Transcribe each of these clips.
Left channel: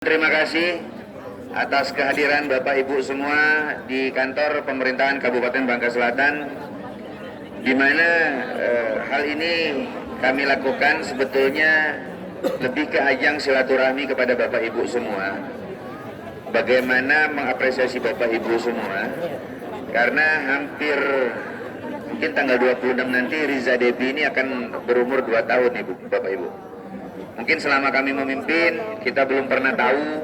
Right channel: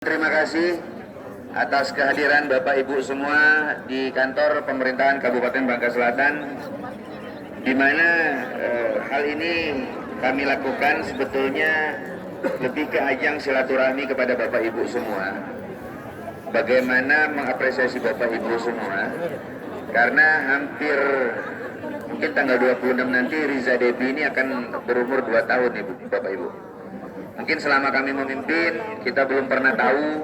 Terima kasih atas kehadiran Bapak Ibu semua di kantor pemerintahan Kabupaten Bangka Selatan, di mana hal ini kami lakukan sebetulnya lebih ke ajang silaturahmi kepada Bapak Ibu semua. Bagaimana mengapresiasi Bapak Ibu semua, karena hampir mungkin tanggal 26 nanti Riza Debi ini akan berumur 2 tahun Ibu, Bapak Ibu. Mungkin selama kami memimpin, kita belum pernah tahu,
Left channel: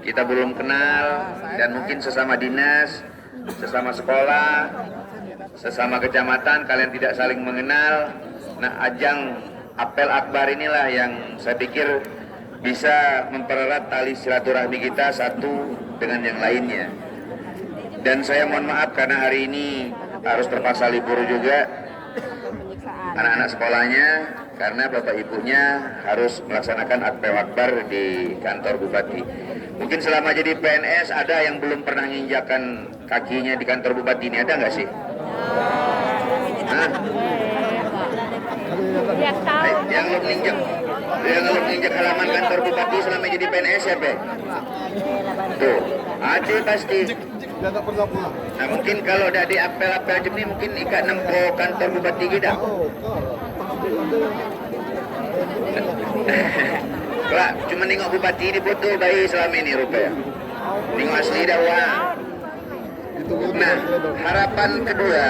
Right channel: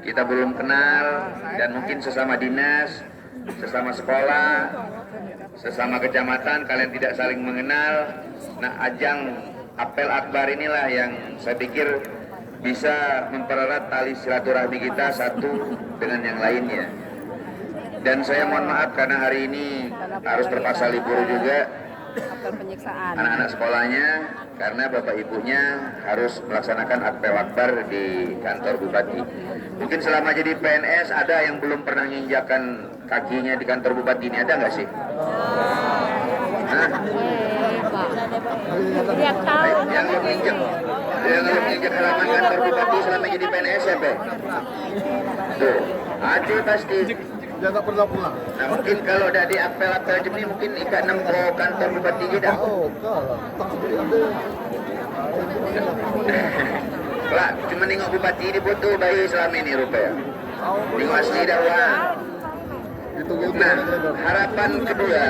kita belum kenal, dan mungkin sesama dinas, sesama sekolah, sesama kecamatan, kalian tidak saling mengenal. Nah, ajang apel akbar inilah yang saya pikir bisa mempererat tali silaturahmi kita satu dengan yang lainnya. Dan saya mohon maaf karena hari ini harus terpaksa libur juga anak-anak sekolahnya, karena bapak ibunya harus melaksanakan apel akbar di kantor bupati. Mungkin selama jadi PNS ada yang belum pernah menginjakkan kakinya di kantor bupati ini, ada nggak sih? Yang menginjak halaman kantor bupati selama jadi PNS siapa? Tuh, ada pasti. Dia tak pernah pulang. Nah, mungkin kalau ada di apel-apel ini mungkin ikat nempo kantor bupati kita. Pak, cuma nengok bupati ini foto bayi selama ini rupanya. Tengok asli dah wah. Nah, harapan kedua,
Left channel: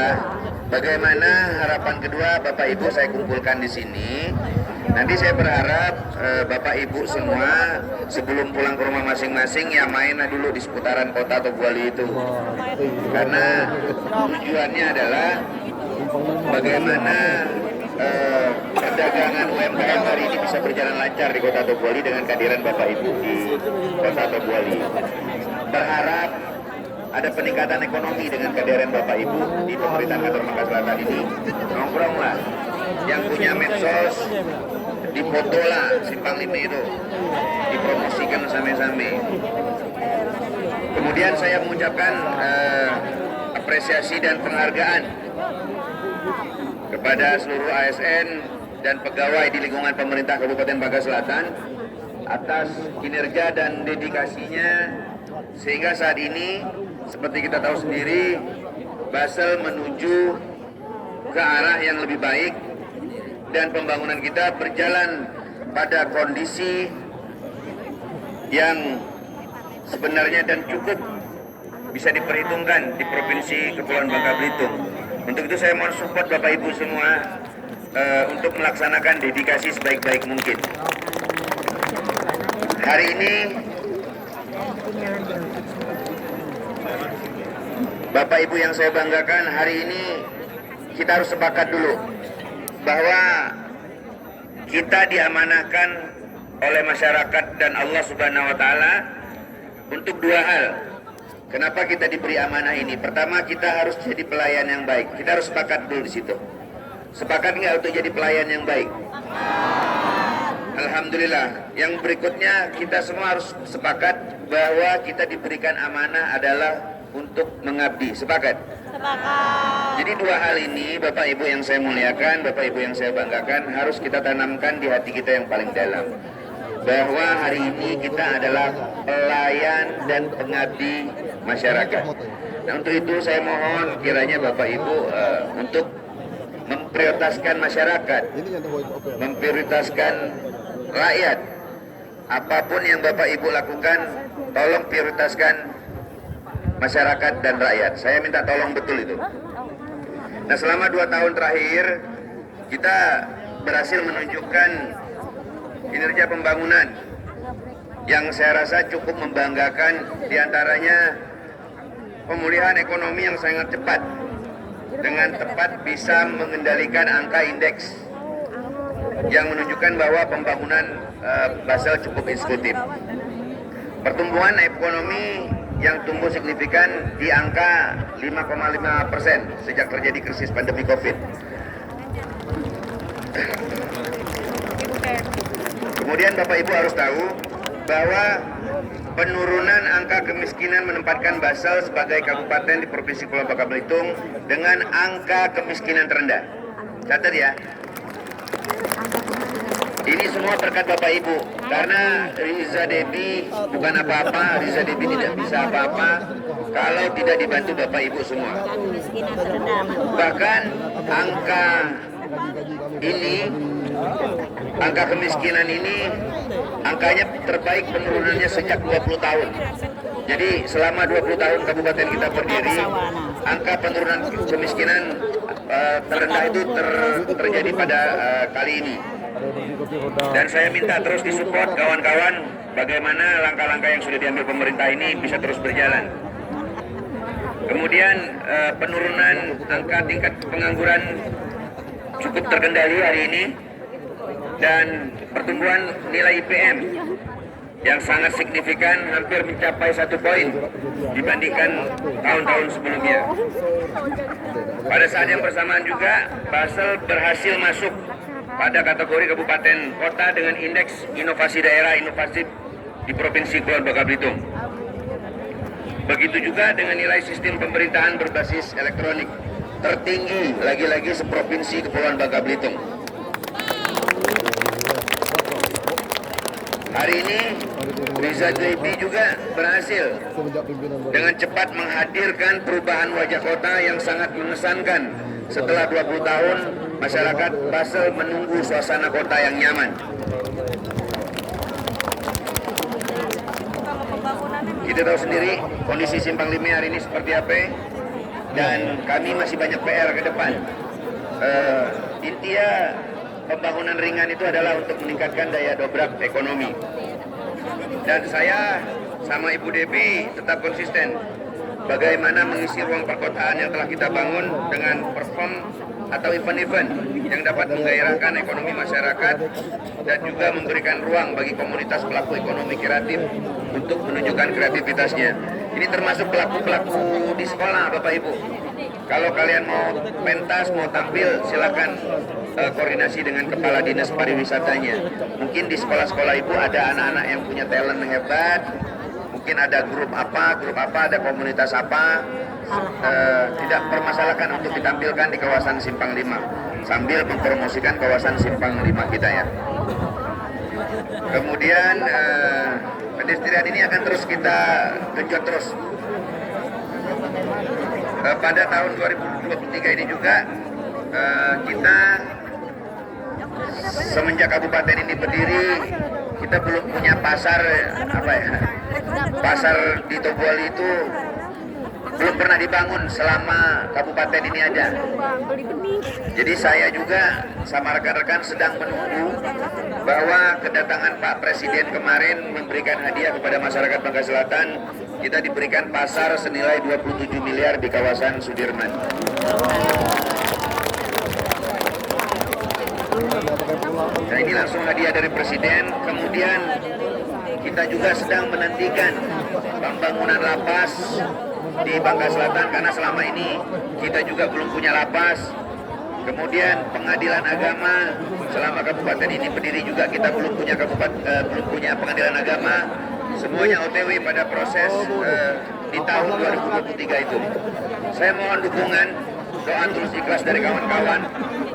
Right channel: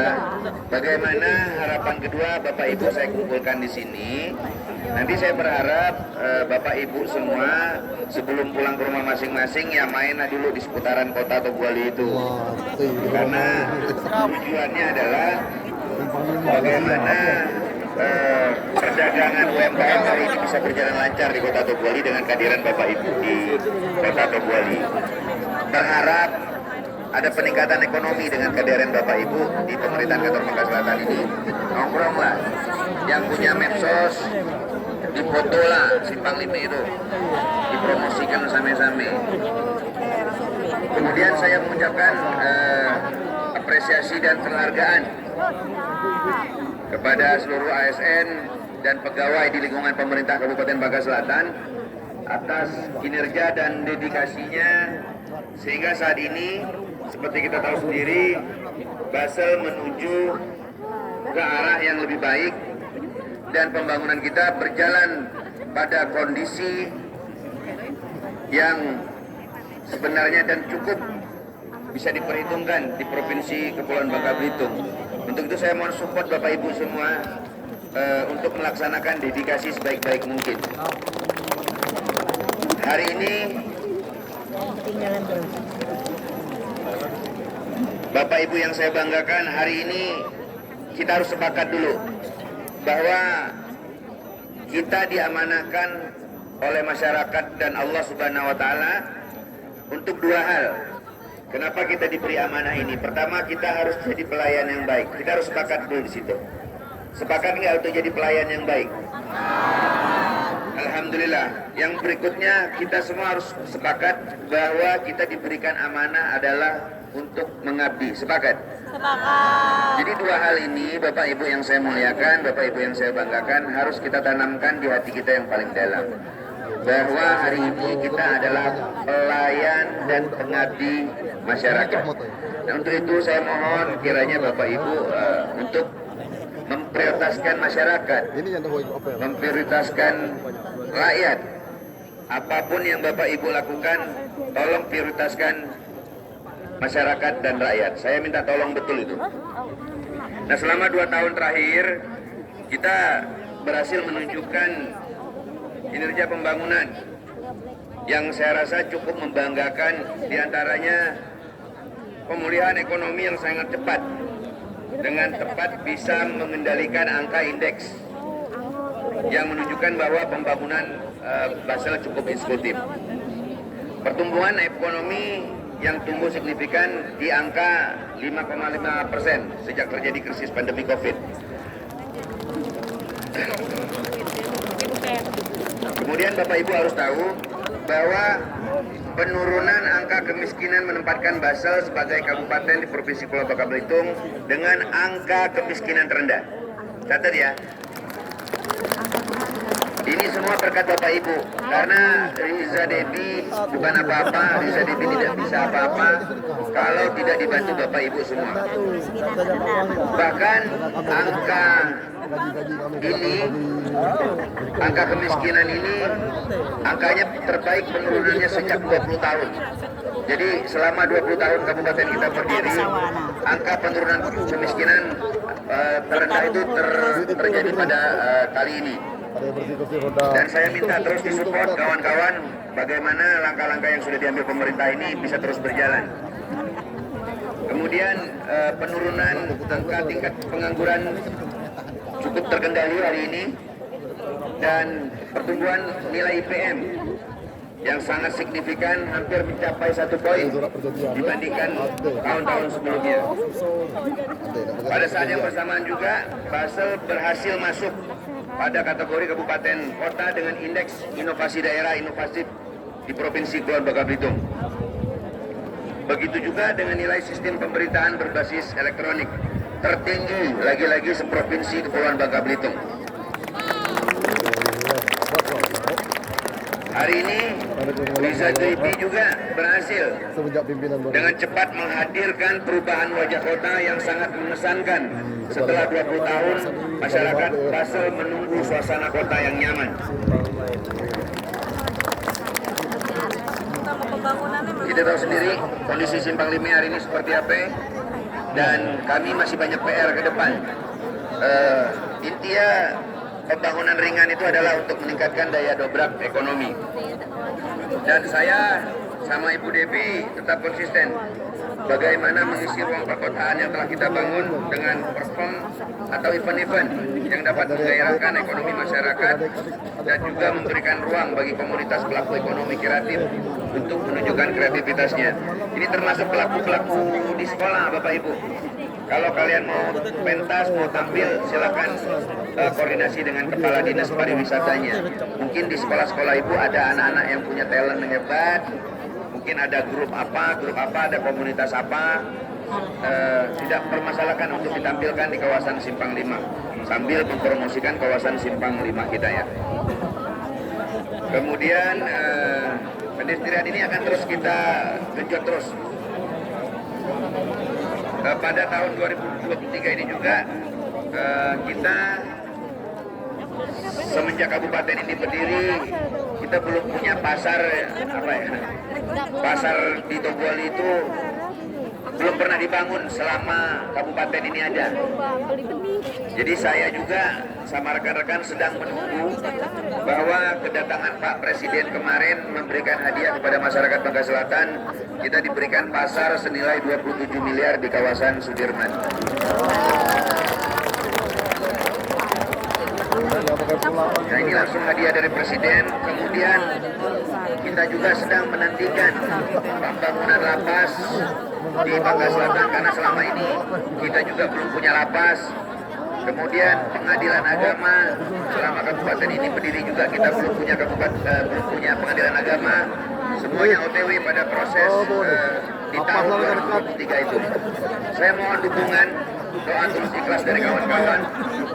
bagaimana harapan kedua Bapak Ibu saya kumpulkan di sini. Nanti saya berharap Bapak Ibu semua sebelum pulang ke rumah masing-masing ya mainlah dulu di seputaran kota Tobuali itu. Karena tujuannya adalah bagaimana perdagangan UMKM harus bisa berjalan lancar di kota Tobuali dengan kehadiran Bapak Ibu di kota Tobuali. Berharap ada peningkatan ekonomi dengan kehadiran Bapak Ibu di pemerintahan Kantor Bangka Selatan ini. Nongkronglah, yang punya medsos dipoto lah simpang ini itu, dipromosikan bersama-sama. Kemudian saya mengucapkan apresiasi dan penghargaan kepada seluruh ASN dan pegawai di lingkungan pemerintah Kabupaten Bangka Selatan atas kinerja dan dedikasinya, sehingga saat ini seperti kita tahu sendiri, Basel menuju ke arah yang lebih baik dan pembangunan kita berjalan pada kondisi yang sebenarnya dan cukup bisa diperhitungkan di Provinsi Kepulauan Bangka Belitung. Untuk itu saya mohon support Bapak Ibu semua untuk melaksanakan dedikasi sebaik-baik mungkin. Hari ini Bapak Ibu yang saya banggakan, hari ini kita harus sepakat dulu bahwa kita diamanahkan oleh masyarakat dan Allah Subhanahu wa Ta'ala untuk dua hal. Kenapa kita diberi amanah ini? Pertama, kita harus jadi pelayan yang baik. Kita harus sepakat dulu di situ. Sepakat nggak untuk jadi pelayan yang baik? Alhamdulillah. Yang berikutnya, kita semua harus sepakat bahwa kita diberikan amanah adalah untuk mengabdi. Sepakat? Sepakat. Jadi dua hal ini, Bapak Ibu yang saya muliakan, Bapak Ibu yang saya banggakan, harus kita tanamkan di hati kita yang paling dalam. Bahwa hari ini kita adalah pelayan dan pengabdi masyarakat. Nah, untuk itu saya mohon kiranya Bapak Ibu untuk memprioritaskan masyarakat, memprioritaskan rakyat. Apapun yang Bapak Ibu lakukan, tolong prioritaskan masyarakat dan rakyat. Saya minta tolong betul itu. Nah, selama 2 tahun terakhir kita berhasil menunjukkan kinerja pembangunan yang saya rasa cukup membanggakan, diantaranya pemulihan ekonomi yang sangat cepat, dengan tepat bisa mengendalikan angka indeks yang menunjukkan bahwa pembangunan Basel cukup eksekutif. Pertumbuhan ekonomi yang tumbuh signifikan di angka 5,5% sejak terjadi krisis pandemi COVID. Kemudian Bapak Ibu harus tahu bahwa penurunan angka kemiskinan menempatkan Basel sebagai kabupaten di Provinsi Kepulauan Bangka Belitung dengan angka kemiskinan terendah. Catat ya. Ini semua berkat Bapak Ibu, karena Riza Debi bukan apa-apa, Riza Debi tidak bisa apa-apa kalau tidak dibantu Bapak Ibu semua. Bahkan angka ini, angka kemiskinan ini, angkanya terbaik penurunannya sejak 20 tahun. Jadi selama 20 tahun kabupaten kita berdiri, angka penurunan kemiskinan terendah itu terjadi pada kali ini. Dan saya minta terus disupport kawan-kawan, bagaimana langkah-langkah yang sudah diambil pemerintah ini bisa terus berjalan. Kemudian penurunan angka tingkat pengangguran cukup terkendali hari ini, dan pertumbuhan nilai IPM yang sangat signifikan, hampir mencapai 1 poin dibandingkan tahun-tahun sebelumnya. Pada saat yang bersamaan juga, Basel berhasil masuk pada kategori kabupaten kota dengan indeks inovasi daerah inovatif di Provinsi Kepulauan Bangka Belitung. Begitu juga dengan nilai sistem pemerintahan berbasis elektronik tertinggi lagi-lagi seprovinsi Kepulauan Bangka Belitung. Hari ini Riza Debi juga berhasil dengan cepat menghadirkan perubahan wajah kota yang sangat mengesankan. Setelah 20 tahun, masyarakat Basel menunggu suasana kota yang nyaman. Kita tahu sendiri kondisi Simpang Lima hari ini seperti apa, dan kami masih banyak PR ke depan. Intinya pembangunan ringan itu adalah untuk meningkatkan daya dobrak ekonomi. Dan saya sama Ibu Devi tetap konsisten bagaimana mengisi ruang perkotaan yang telah kita bangun dengan perform atau event-event yang dapat menggairahkan ekonomi masyarakat dan juga memberikan ruang bagi komunitas pelaku ekonomi kreatif untuk menunjukkan kreativitasnya. Ini termasuk pelaku-pelaku di sekolah, Bapak Ibu. Kalau kalian mau pentas, mau tampil, silakan koordinasi dengan kepala dinas pariwisatanya. Mungkin di sekolah-sekolah Ibu ada anak-anak yang punya talent yang hebat. Mungkin ada grup apa, ada komunitas apa. Tidak permasalahkan untuk ditampilkan di kawasan Simpang Lima sambil mempromosikan kawasan Simpang Lima kita ya. Kemudian pedestrian ini akan terus kita genjot terus. Pada tahun 2023 ini juga kita semenjak kabupaten ini berdiri, kita belum punya pasar pasar di Tobuali itu belum pernah dibangun selama kabupaten ini ada. Jadi saya juga sama rekan-rekan sedang menunggu bahwa kedatangan Pak Presiden kemarin memberikan hadiah kepada masyarakat Bangka Selatan. Kita diberikan pasar senilai 27 miliar di kawasan Sudirman. Nah, ini langsung hadiah dari Presiden. Kemudian kita juga sedang menantikan pembangunan lapas di Bangka Selatan karena selama ini kita juga belum punya lapas. Kemudian pengadilan agama, selama kabupaten ini berdiri juga kita belum punya pengadilan agama. Semuanya OTW pada proses di tahun 2023 itu. Saya mohon dukungan, doa terus ikhlas dari kawan-kawan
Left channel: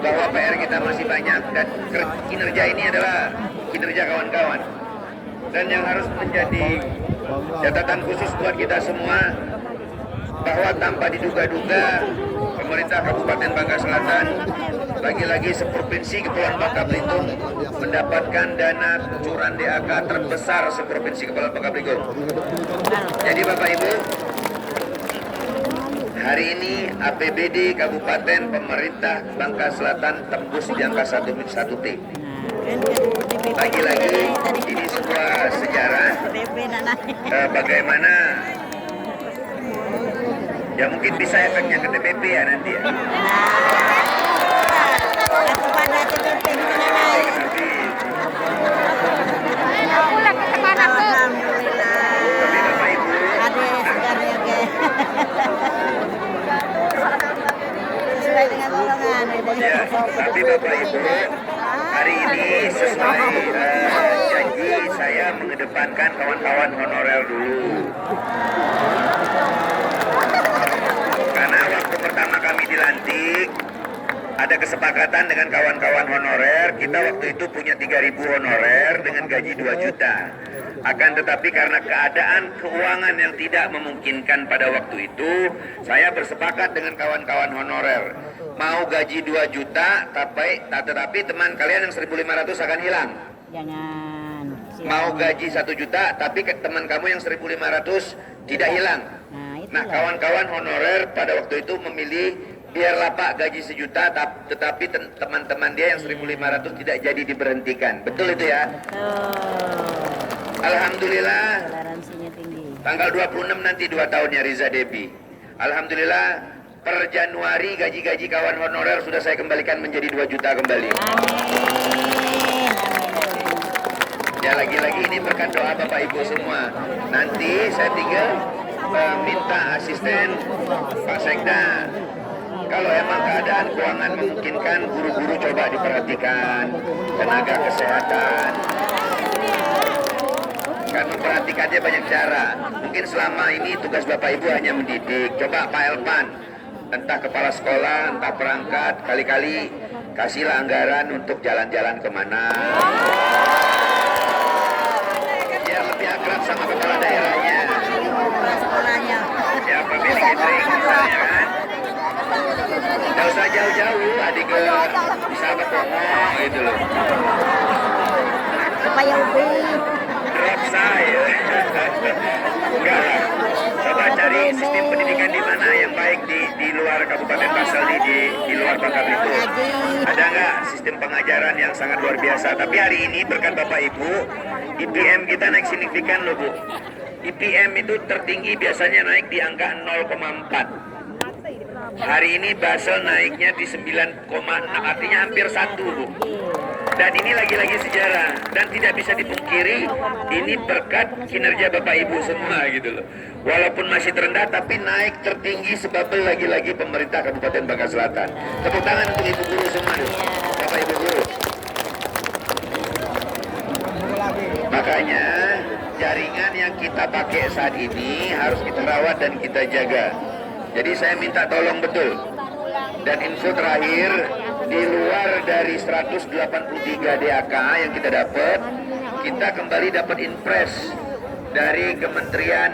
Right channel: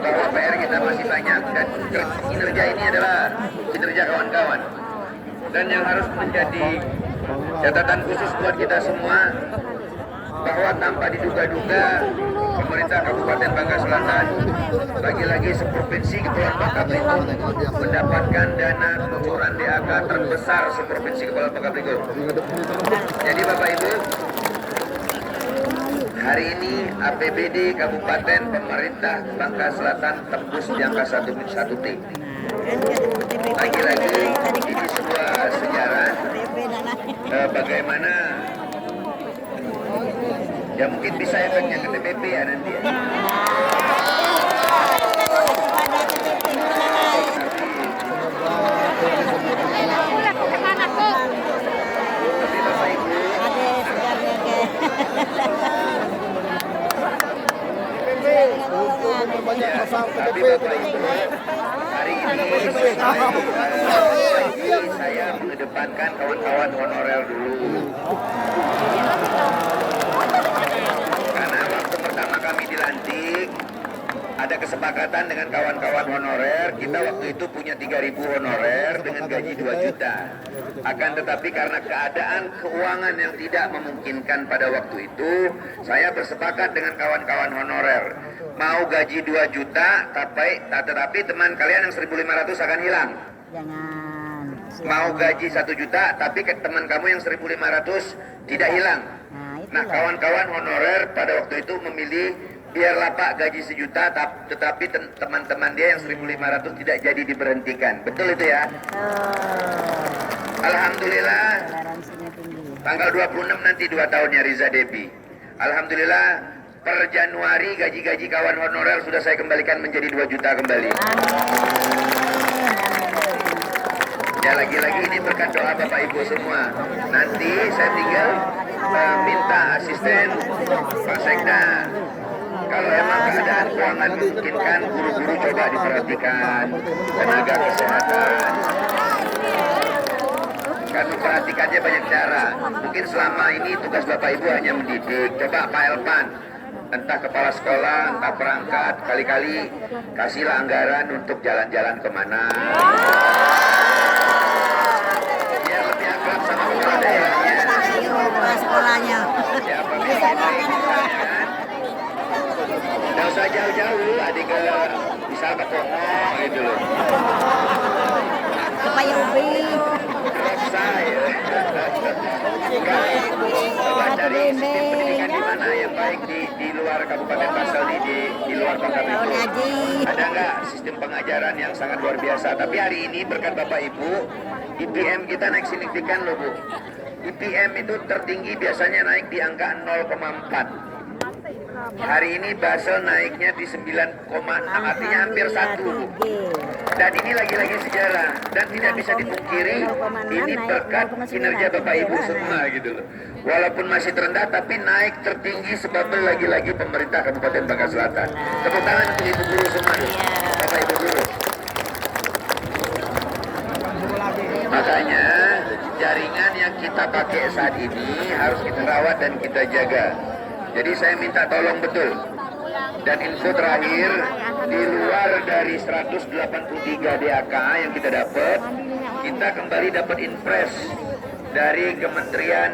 bahwa PR kita masih banyak dan kinerja ini adalah kinerja kawan-kawan. Dan yang harus menjadi catatan khusus buat kita semua bahwa tanpa diduga-duga pemerintah Kabupaten Bangka Selatan lagi-lagi seprovinsi Kepulauan Bangka Belitung mendapatkan dana kucuran DAK terbesar seprovinsi Kepulauan Bangka Belitung. Jadi Bapak Ibu, hari ini APBD Kabupaten pemerintah Bangka Selatan tembus di angka 1 T. Lagi-lagi ini sebuah sejarah bagaimana ya mungkin bisa efeknya ke TPP ya nanti ya. Tapi Bapak Ibu ada sejarahnya ke sesuai dengan golongan ya, tapi Bapak Ibu hari ini sesuai janji saya mengedepankan kawan-kawan honorer dulu. Karena waktu pertama kami dilantik ada kesepakatan dengan kawan-kawan honorer, kita waktu itu punya 3.000 honorer dengan gaji 2 juta. Akan tetapi karena keadaan keuangan yang tidak memungkinkan pada waktu itu, saya bersepakat dengan kawan-kawan honorer. Mau gaji 2 juta, tetapi teman kalian yang 1.500 akan hilang. Jangan. Mau gaji 1 juta, tapi teman kamu yang 1.500 tidak hilang. Nah, kawan-kawan honorer pada waktu itu memilih biarlah Pak gaji 1 juta, tetapi teman-teman dia yang 1.500 tidak jadi diberhentikan. Betul itu ya? Alhamdulillah. Toleransinya tinggi. Tanggal 26 nanti 2 tahunnya Riza Debi. Alhamdulillah per Januari gaji-gaji kawan honorer sudah saya kembalikan menjadi 2 juta kembali. Amin. Ya lagi-lagi ini berkat doa Bapak Ibu semua. Nanti saya tinggal minta asisten Pak Sekda. Kalau emang keadaan keuangan memungkinkan, guru-guru coba diperhatikan, tenaga kesehatan. Kan memperhatikannya banyak cara. Mungkin selama ini tugas Bapak Ibu hanya mendidik. Coba Pak Elpan, entah kepala sekolah, entah perangkat, kali-kali kasihlah anggaran untuk jalan-jalan kemana. Ya lebih akrab sama kepala daerahnya. Sekolahnya. Ya pemilik kita ini misalnya kan. Tidak usah jauh-jauh, adik bisa ketemu gitu loh. Kayak ubi. Rosa ya. Coba cari sistem pendidikan di mana yang baik di luar Kabupaten Pasal di luar Bangka Belitung. Ada nggak sistem pengajaran yang sangat luar biasa? Tapi hari ini berkat Bapak Ibu, IPM kita naik signifikan loh Bu. IPM itu tertinggi biasanya naik di angka 0,4. Hari ini Basel naiknya di 9,6, artinya hampir 1. Dan ini lagi-lagi sejarah dan tidak bisa dipungkiri ini berkat kinerja Bapak Ibu semua gitu loh. Walaupun masih terendah tapi naik tertinggi sebab lagi-lagi pemerintah Kabupaten Bangka Selatan. Tepuk tangan untuk Ibu Guru semua, Bapak Ibu Guru. Makanya jaringan yang kita pakai saat ini harus kita rawat dan kita jaga. Jadi saya minta tolong betul. Dan info terakhir, di luar dari 183 DAK yang kita dapat, kita kembali dapat impres dari Kementerian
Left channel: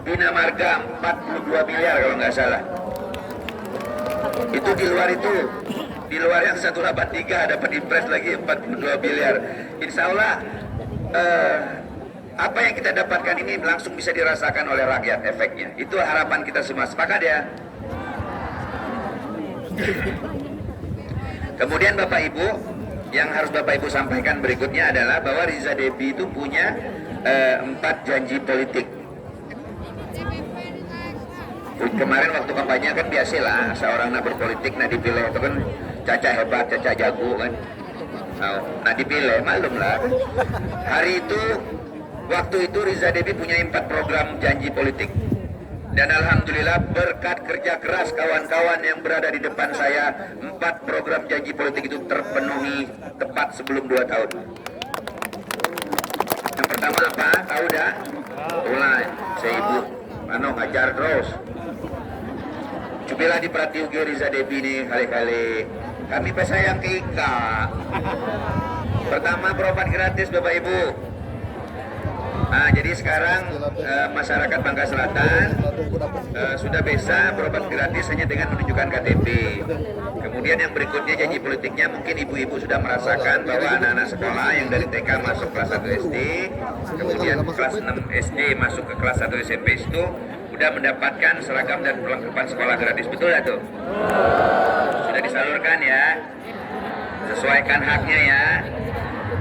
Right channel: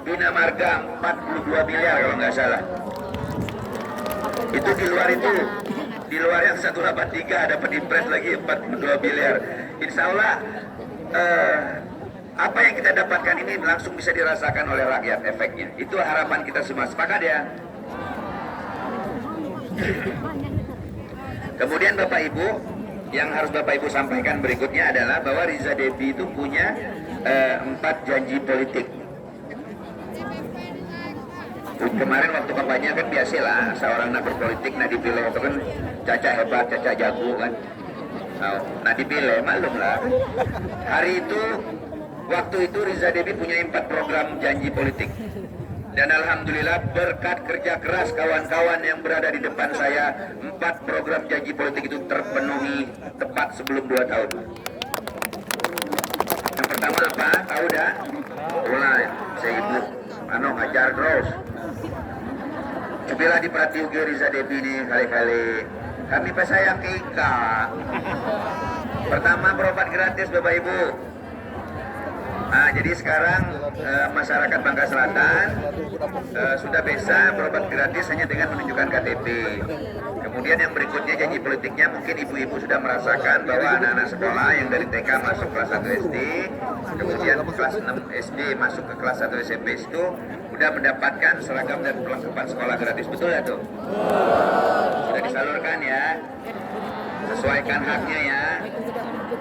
Bina Marga 42 miliar kalau nggak salah. Itu di luar yang 183 dapat impres lagi 42 miliar. Insya Allah apa yang kita dapatkan ini langsung bisa dirasakan oleh rakyat efeknya. Itu harapan kita semua. Sepakat ya? Kemudian Bapak Ibu, yang harus Bapak Ibu sampaikan berikutnya adalah bahwa Riza Debi itu punya 4 janji politik. Kemarin waktu kampanye kan biasalah seorang napi politik dipilih itu kan Caca hebat, Caca jago kan. Nah dipilih, malum lah. Hari itu waktu itu Riza Debi punya 4 program janji politik. Dan Alhamdulillah berkat kerja keras kawan-kawan yang berada di depan saya, 4 program janji politik itu terpenuhi tepat sebelum 2 tahun. Yang pertama apa? Tahu dah? Mulai, saya ibu, hajar terus. Cobalah diperhatikan Riza Debi ini kali-kali. Kami pesayang ke Ika. Pertama berobat gratis Bapak Ibu. Nah, jadi sekarang masyarakat Bangka Selatan sudah bisa berobat gratis hanya dengan menunjukkan KTP. Kemudian yang berikutnya janji politiknya mungkin ibu-ibu sudah merasakan bahwa anak-anak sekolah yang dari TK masuk kelas 1 SD, kemudian kelas 6 SD masuk ke kelas 1 SMP itu sudah mendapatkan seragam dan perlengkapan sekolah gratis. Betul ya tuh? Sudah disalurkan ya. Sesuaikan haknya ya.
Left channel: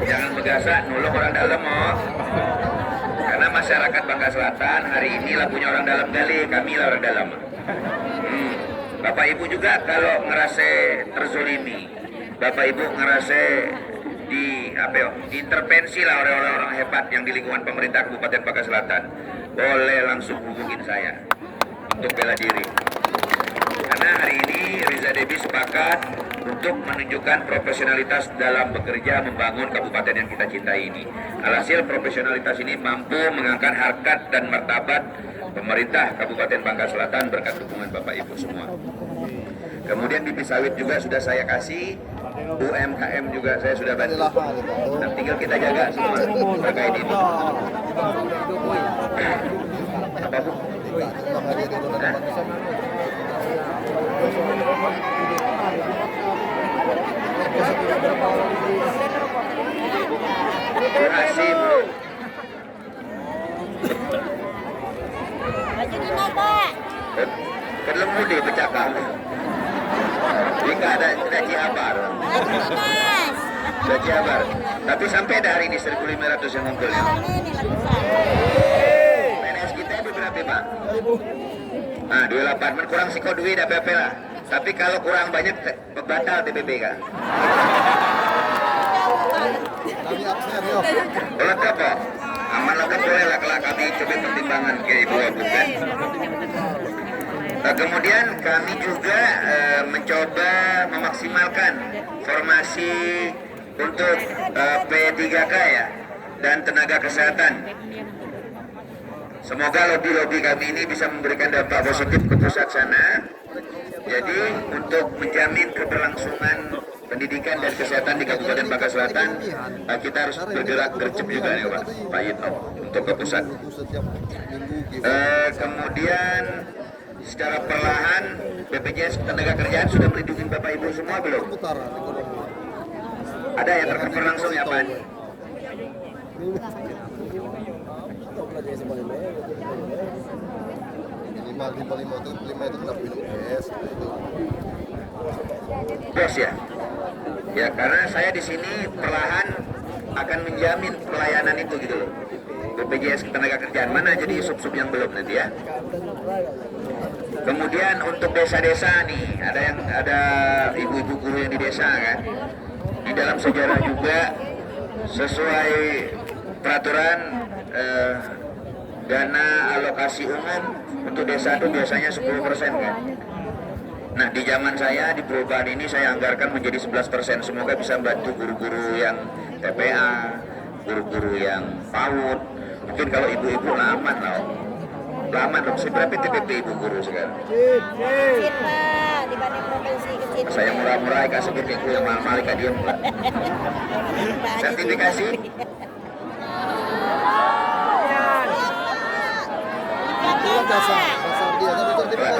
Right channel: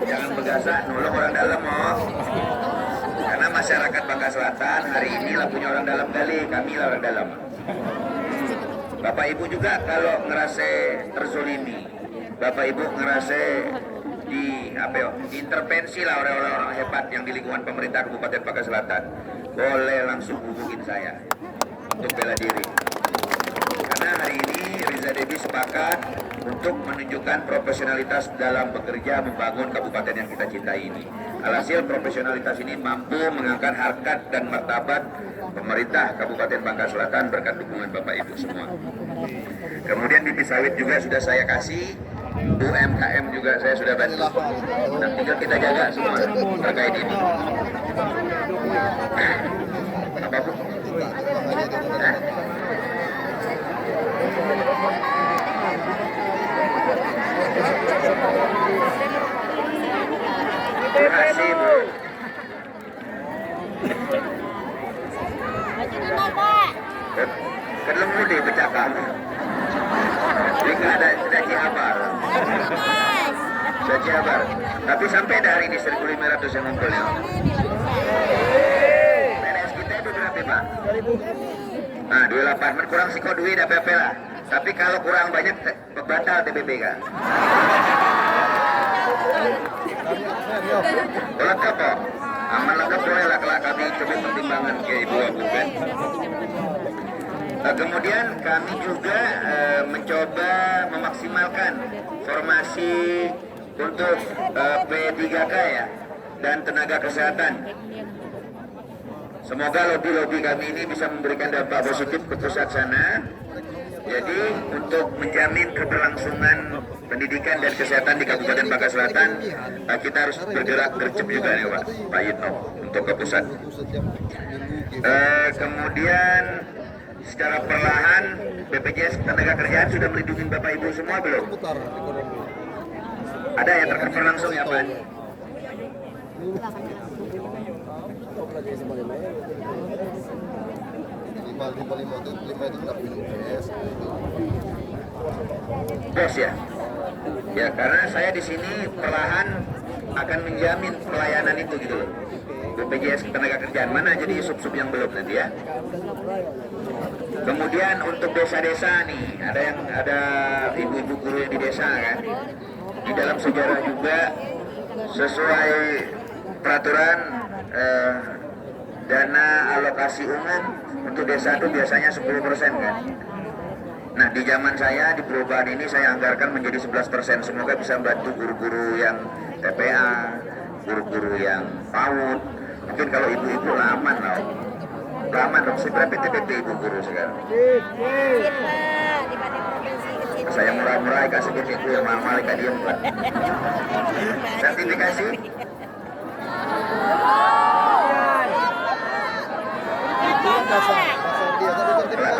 Jangan bergasak nulung orang dalam oh. Karena masyarakat Bangka Selatan hari ini lagunya orang dalam kali, kami lah orang dalam. Bapak Ibu juga kalau ngerasa terzolimi, Bapak Ibu ngerasa diintervensi lah oleh orang-orang hebat yang di lingkungan pemerintah Kabupaten Bangka Selatan, boleh langsung hubungin saya untuk bela diri. Karena hari ini Riza Debi sepakat untuk menunjukkan profesionalitas dalam bekerja membangun kabupaten yang kita cintai ini. Alhasil profesionalitas ini mampu mengangkat harkat dan martabat pemerintah Kabupaten Bangka Selatan berkat dukungan Bapak Ibu semua. Kemudian bibit sawit juga sudah saya kasih, UMKM juga saya sudah bantu. Nah, tinggal kita jaga semua terkait ini. Apa Bu? Eh? Terima kasih Bu. Kelem mudi pecah kamu. Jika ada ciabar. Ada ciabar. Tapi sampai ada hari ini 1.500 yang ngumpul ya. PNS kita itu berapa Pak? 2.000. Nah 28 kurang siko duit apa lah. Tapi kalau kurang banyak batal TPP kan. Lengkap kok. Aman lengkap boleh lah kalau kami coba pertimbangan ke Ibu Abu kan. Nah, kemudian kami juga mencoba memaksimalkan formasi untuk P3K ya dan tenaga kesehatan. Semoga lobby-lobby kami ini bisa memberikan dampak positif ke pusat sana. Jadi untuk menjamin keberlangsungan pendidikan dan kesehatan di Kabupaten Bangka Selatan, kita harus bergerak gercep juga ya Pak Yito untuk ke pusat. Kemudian secara perlahan BPJS Ketenagakerjaan sudah melindungi Bapak Ibu semua belum? Ada yang terkena langsung ya Pak? Yes ya. Ya karena saya di sini perlahan akan menjamin pelayanan itu gitu loh. BPJS Ketenagakerjaan mana jadi sub-sub yang belum nanti ya. Kemudian untuk desa-desa nih ada ibu-ibu guru yang di desa kan. Di dalam sejarah juga sesuai peraturan dana alokasi umum untuk desa itu biasanya 10% kan. Nah di zaman saya di perubahan ini saya anggarkan menjadi 11%. Semoga bisa membantu guru-guru yang TPA, guru-guru yang PAUD. Mungkin kalau ibu-ibu aman lah. Aman dong, seberapa TPP ibu guru sekarang? Saya murah-murah kasih ibu yang mahal ikan diem enggak. Sertifikasi?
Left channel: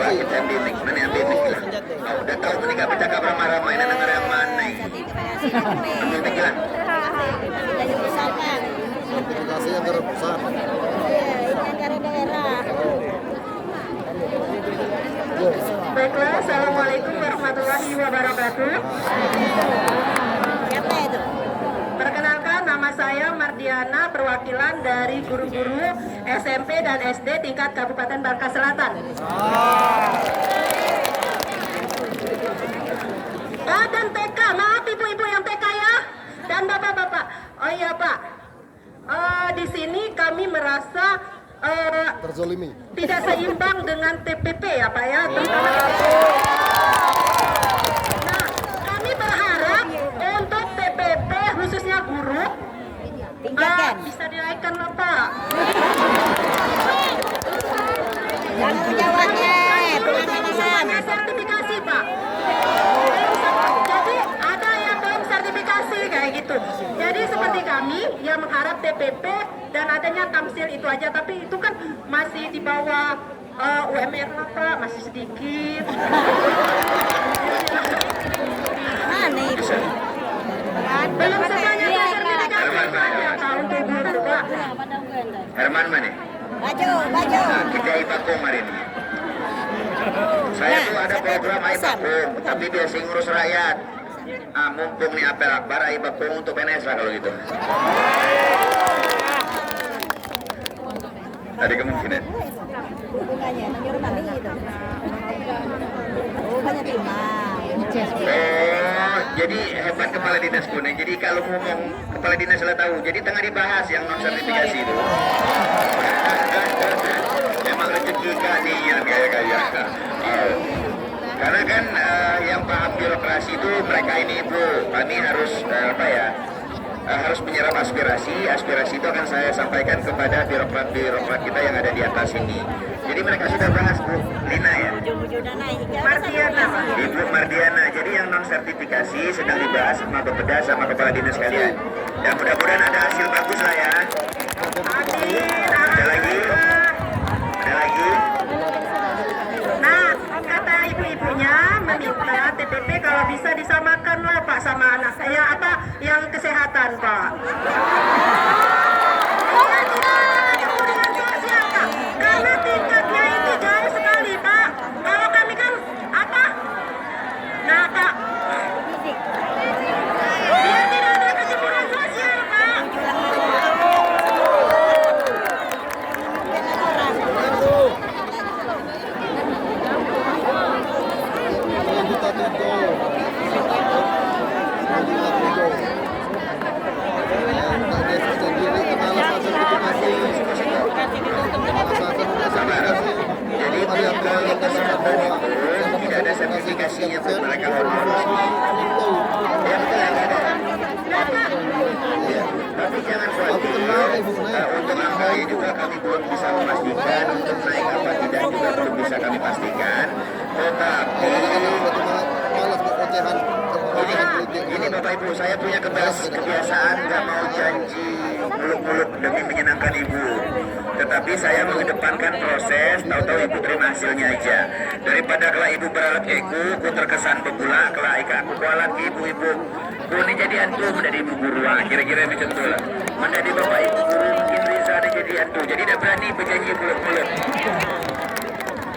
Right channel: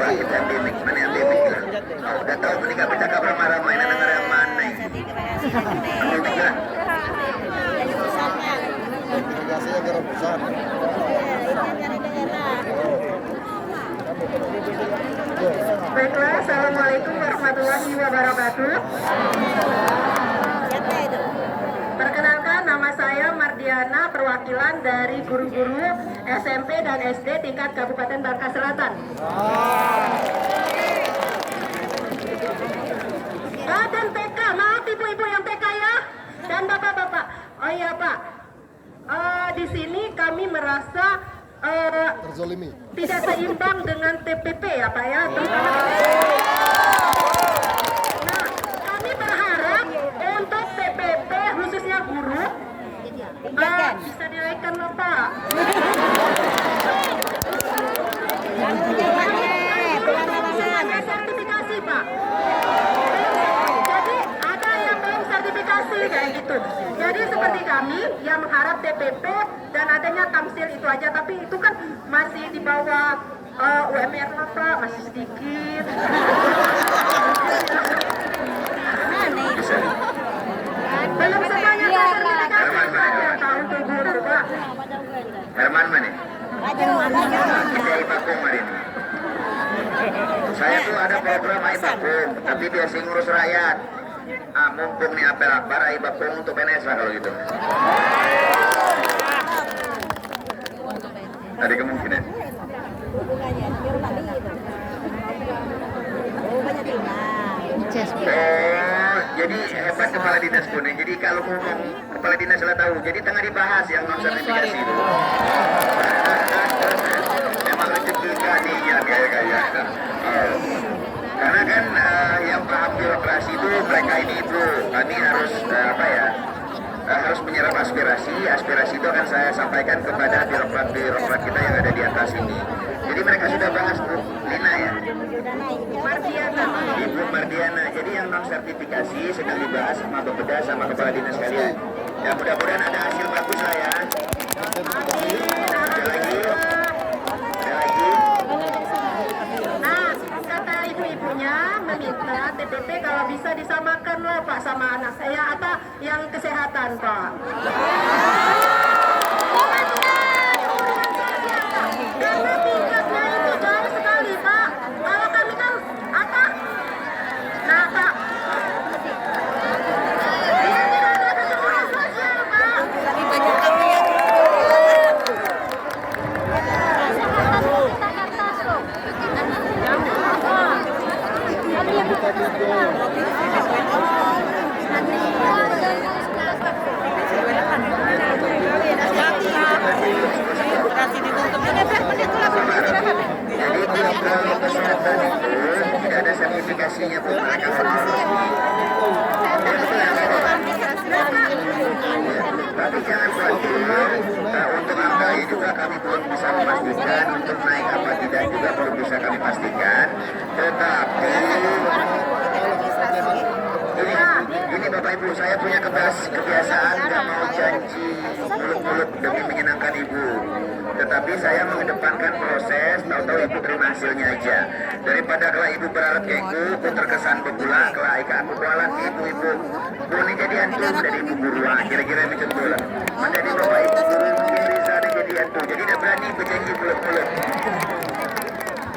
Kita bidik, mana yang bidik lah. Udah tahu menikah kita kabar marah-marah, ini negara yang mana ini? Bidik lah. Baiklah, Assalamualaikum warahmatullahi wabarakatuh. Perkenalkan, nama saya Mardiana, perwakilan dari guru-guru SMP dan SD tingkat Kabupaten Bangka Selatan. Dan TK, maaf ibu-ibu yang TK ya, dan bapak-bapak. Oh iya Pak, di sini kami merasa terzolimi. Tidak seimbang dengan TPP ya Pak ya. Kami berharap untuk TPP khususnya guru bisa dinaikkan loh Pak. Sertifikasi Pak. Jadi ada yang belum sertifikasi kayak gitu. Jadi seperti kami yang mengharap TPP dan adanya tamsil itu aja, tapi itu kan masih di bawah UMR lah Pak, masih sedikit. Belum semuanya sertifikasi untuk guru Pak. Herman mana? Kita Ipakung hari ini. Saya tuh ada program Ipakung, tapi biasa ngurus rakyat. Mumpung nih apel akbar Ipakung untuk PNS lah kalau gitu. Ada kemungkinan. Jadi hebat kepala dinas kuning. Jadi kalau ngomong kepala dinas lah tahu. Jadi tengah dibahas yang non sertifikasi itu. Memang rezeki kalian gaya-gaya. Karena kan yang paham birokrasi itu mereka ini itu. Kami harus harus menyerap aspirasi itu akan saya sampaikan kepada birokrat kita yang ada di atas ini. Jadi mereka sudah bahas Bu Lina ya, Ibu Mardiana yang non sertifikasi sedang dibahas sama Bapeda sama kepala dinas sekalian. Ya mudah-mudahan ada hasil bagus lah ya. Ada lagi? Ada lagi? Nah, kata ibu-ibunya meminta TPP kalau bisa disamakan lah Pak sama anak saya apa yang kesehatan Pak. Karena tingkatnya itu jauh sekali Pak. Kalau kami kan apa? Nah Kak, dia tidak ada keseluruhan sosial Pak. Jadi kalau kesehatan itu tidak ada sertifikasinya pun mereka harus. Ya betul ya Pak? Ya, tapi jangan khawatir, untuk angka ini juga kami belum bisa memastikan, untuk naik apa tidak juga belum bisa kami pastikan. Tetapi ini Bapak Ibu, saya punya kebiasaan nggak mau janji muluk-muluk demi menyenangkan Ibu. Tetapi saya mengedepankan proses, tahu-tahu Ibu terima hasilnya aja. Daripada kalau Ibu berharap ego, aku terkesan pula, kalau aku berharap Ibu-Ibu. Bu ini jadi hantu, menjadi Ibu guru, kira-kira macam itu lah. Menjadi Bapak Ibu guru, mungkin bisa ada jadi hantu. Jadi tidak berani berjanji muluk-muluk.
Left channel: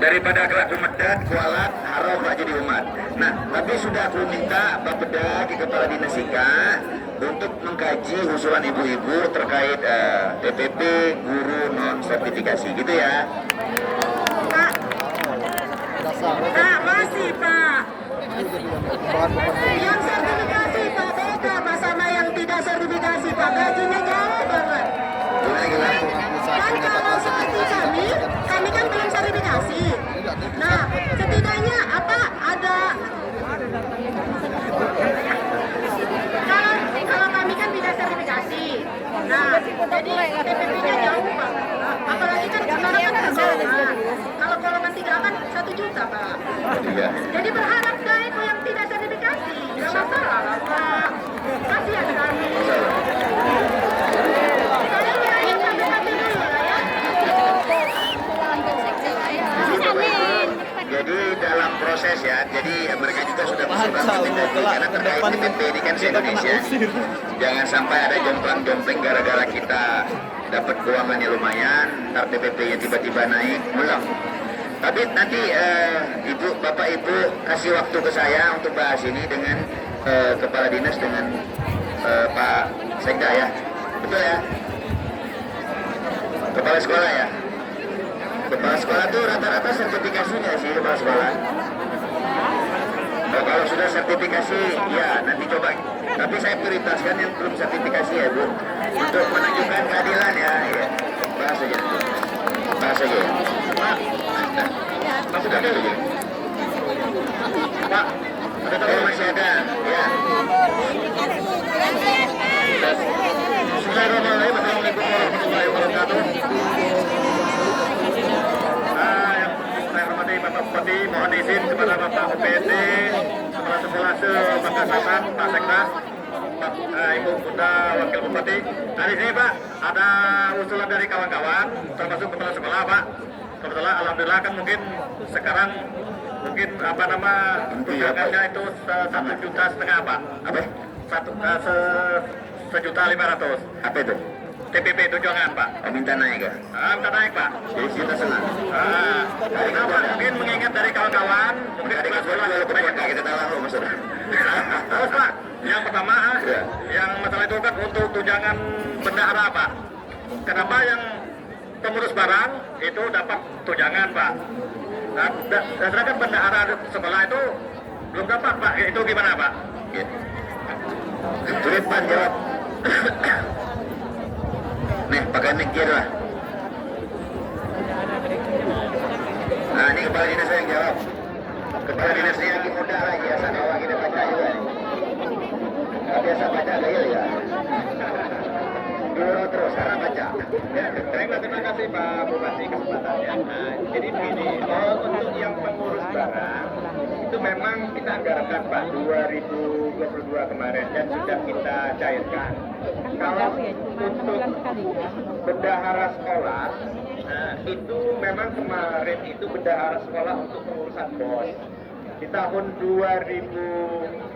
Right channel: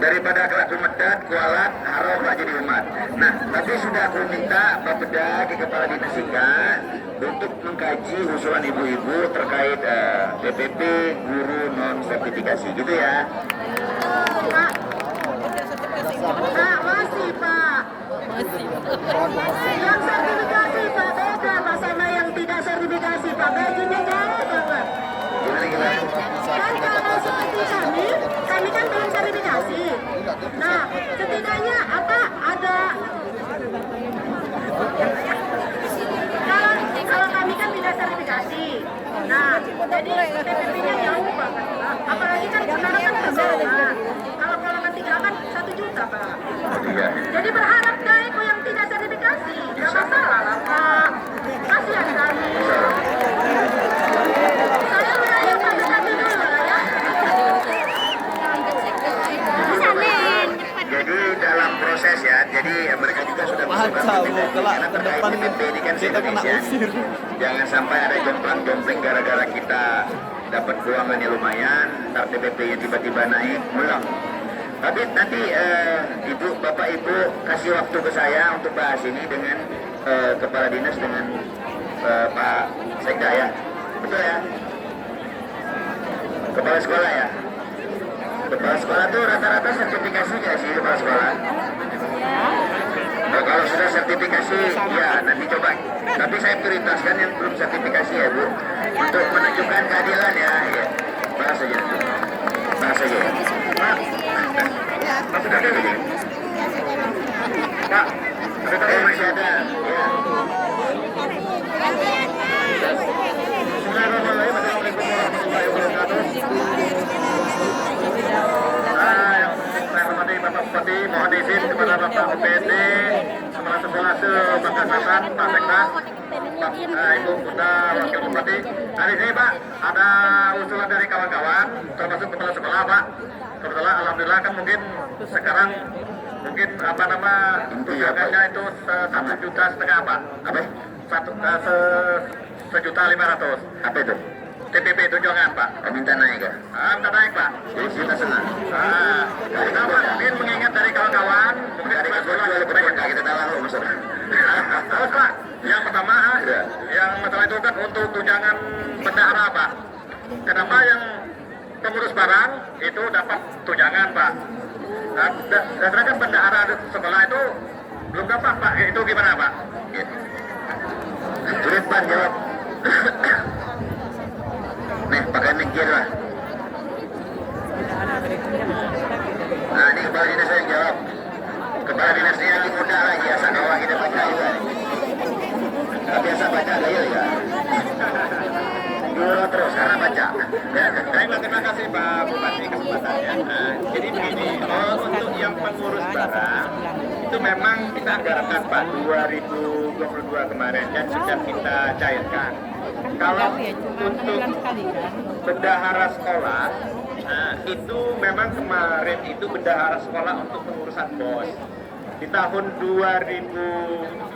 Daripada aku medat, kualat, haram gak jadi umat. Nah, tapi sudah aku minta Bapeda ke Kepala Dinas IKA untuk mengkaji usulan ibu-ibu terkait TPP guru non sertifikasi, gitu ya. Pak, masih Pak. Yang sertifikasi Pak beda Pak sama yang tidak sertifikasi Pak. Gajinya jauh banget. Dan kalau seperti kami kan belum sertifikasi. Nah, setidaknya apa ada kalau kami kan tidak sertifikasi. Nah, jadi TPP-nya jauh Pak. Apalagi kan kemarin kalau golongan 3 kan 1 juta Pak. Iya. Jadi berharap ke ibu yang tidak sertifikasi, tidak masalah lah Pak. Kasihan kami. Saya yang sertifikasi dulu lah ya. Jadi dalam proses ya, jadi mereka juga sudah Baca Bu, kelak ke depan ini kan kita kena Indonesia. usir. Jangan sampai ada jomplang-jomplang gara-gara kita dapat keuangan yang lumayan, TPP yang tiba-tiba naik, belum. Tapi nanti Ibu, Bapak Ibu kasih waktu ke saya untuk bahas ini dengan Kepala Dinas dengan Pak Sekda ya. Betul ya? Kepala sekolah ya? Kepala sekolah tuh rata-rata sertifikasi nggak sih kepala sekolah? Oh, kalau sudah sertifikasi, ya nanti coba. Tapi saya prioritaskan yang belum sertifikasi ya Bu, untuk menunjukkan keadilan ya. Ya. Bahas saja. Bahas saja. Masih ada lagi? Pak, masih ada. Ya. Assalamualaikum warahmatullahi wabarakatuh. Bapak Bupati, mohon izin kepada Bapak UPD, Kepala Sekolah Sebangkasaran, Pak Sekda, Pak Ibu Bunda Wakil Bupati. Nah di sini Pak, ada usulan dari kawan-kawan, termasuk kepala sekolah Pak. Kebetulan alhamdulillah kan mungkin sekarang mungkin apa nama tunjangannya itu 1,5 juta Pak. Apa? 1.500.000. Apa itu? TPP tunjangan Pak. Minta naik ya? Minta naik Pak. Jadi kita senang. Dari kawan mungkin mengingat dari kawan-kawan, mungkin dari sekolah walaupun yang kita tahu maksudnya. Terus Pak, yang pertama, yang masalah itu kan untuk tunjangan bendahara Pak. Kenapa yang pengurus barang itu dapat tunjangan Pak? Sedangkan bendahara sekolah itu belum dapat Pak. Itu gimana Pak? Sulit Pak jawab. Nih, pakai mic lah. Nah, ini kepala dinas yang jawab. Kepala dinasnya lagi muda lagi, ya sakawa kita baca juga. Biasa baca ada ya. dua terus, karena baca. Ya, baiklah, terima kasih Pak Bupati kesempatannya. Nah, jadi begini, untuk yang pengurus barang itu memang kita anggarkan Pak 2022 kemarin dan sudah kita cairkan. Kalau untuk bendahara sekolah, nah, itu memang kemarin itu bendahara sekolah untuk pengurusan BOS. Di tahun 2021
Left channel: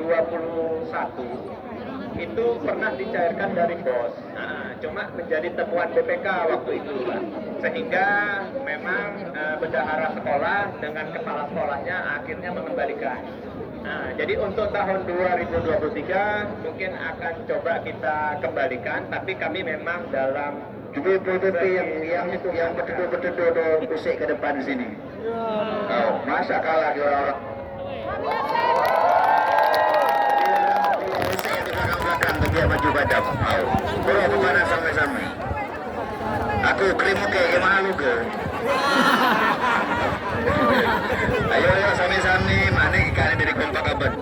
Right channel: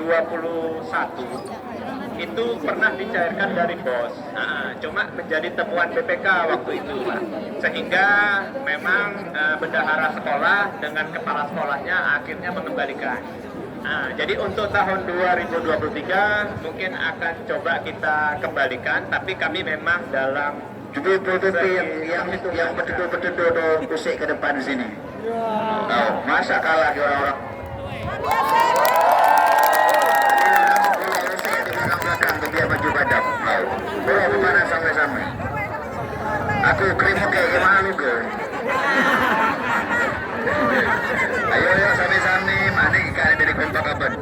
itu pernah dicairkan dari BOS. Nah, cuma menjadi temuan BPK waktu itu, Pak. Sehingga memang bendahara sekolah dengan kepala sekolahnya akhirnya mengembalikan. Nah, jadi untuk tahun 2023 mungkin akan coba kita kembalikan, tapi kami memang dalam Betul-betul yang itu yang betul-betul kusik ke depan sini. Oh, masa kalah di orang-orang. Biar maju badan. Bawa ke mana sampai-sampai. Aku krim oke, gimana lu ke? Ayo sampai-sampai, mana ikan dari kompak kabar.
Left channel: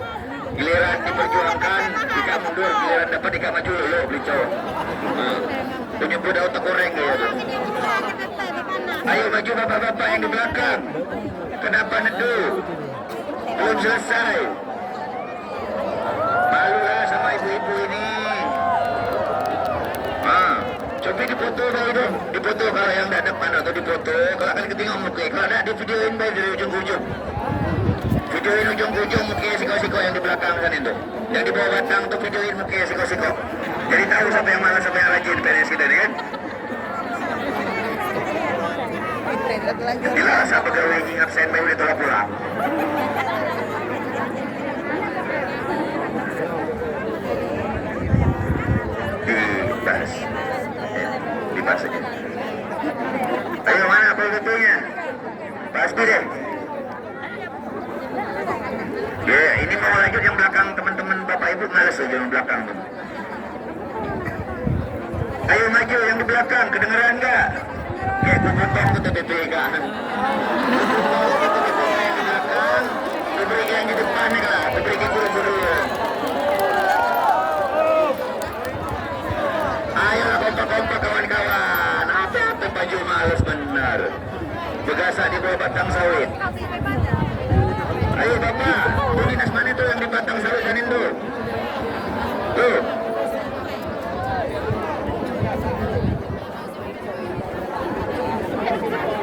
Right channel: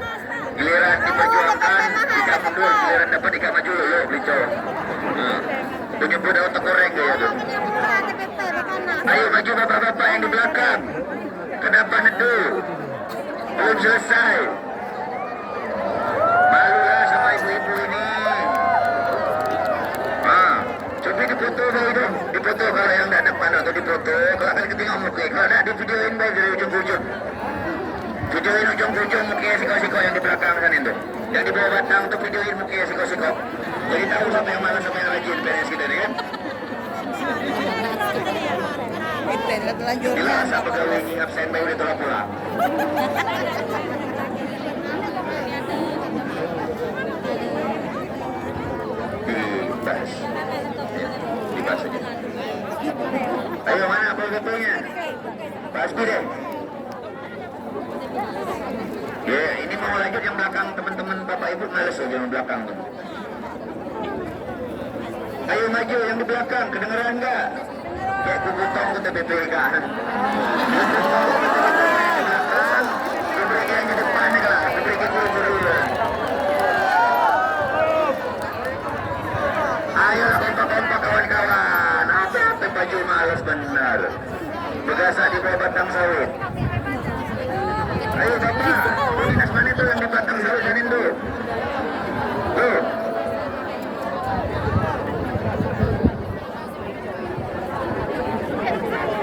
Giliran diperjuangkan, ikan mundur, giliran dapat ikan maju lo, bicau. Penyebut auto koreng ya. Ayo maju bapak-bapak yang di belakang. Kenapa nedu? Belum selesai. Malulah sama ibu-ibu ini. Nah, coba dipoto dulu deh. Dipoto kalau yang tidak depan atau dipoto. Kalau akan ketinggalan muka. Kalau tidak di videoin baik dari ujung-ujung. Videoin ujung-ujung muka siko-siko yang di belakang kan itu. Yang di bawah batang tuh videoin muka siko-siko. Jadi tahu siapa yang mana siapa yang rajin PNS kita nih kan. Bila asa pegawai ini absen baru ditolak pulang. Dibahas aja. Ayo mana apa-apanya? Pasti deh. Ya, ini mau lanjut yang belakang teman-teman Bapak Ibu males aja yang belakang tuh. Ayo maju yang di belakang, kedengeran nggak? Kayak kubutan ke TPPK. TPPK yang di depan nih lah, TPPK guru-guru. Ayo kompak-kompak kawan-kawan, apa baju males benar. Begasa di bawah batang sawit. Ayo bapak, dinas mana tuh yang di batang sawit sanin tuh? Tuh.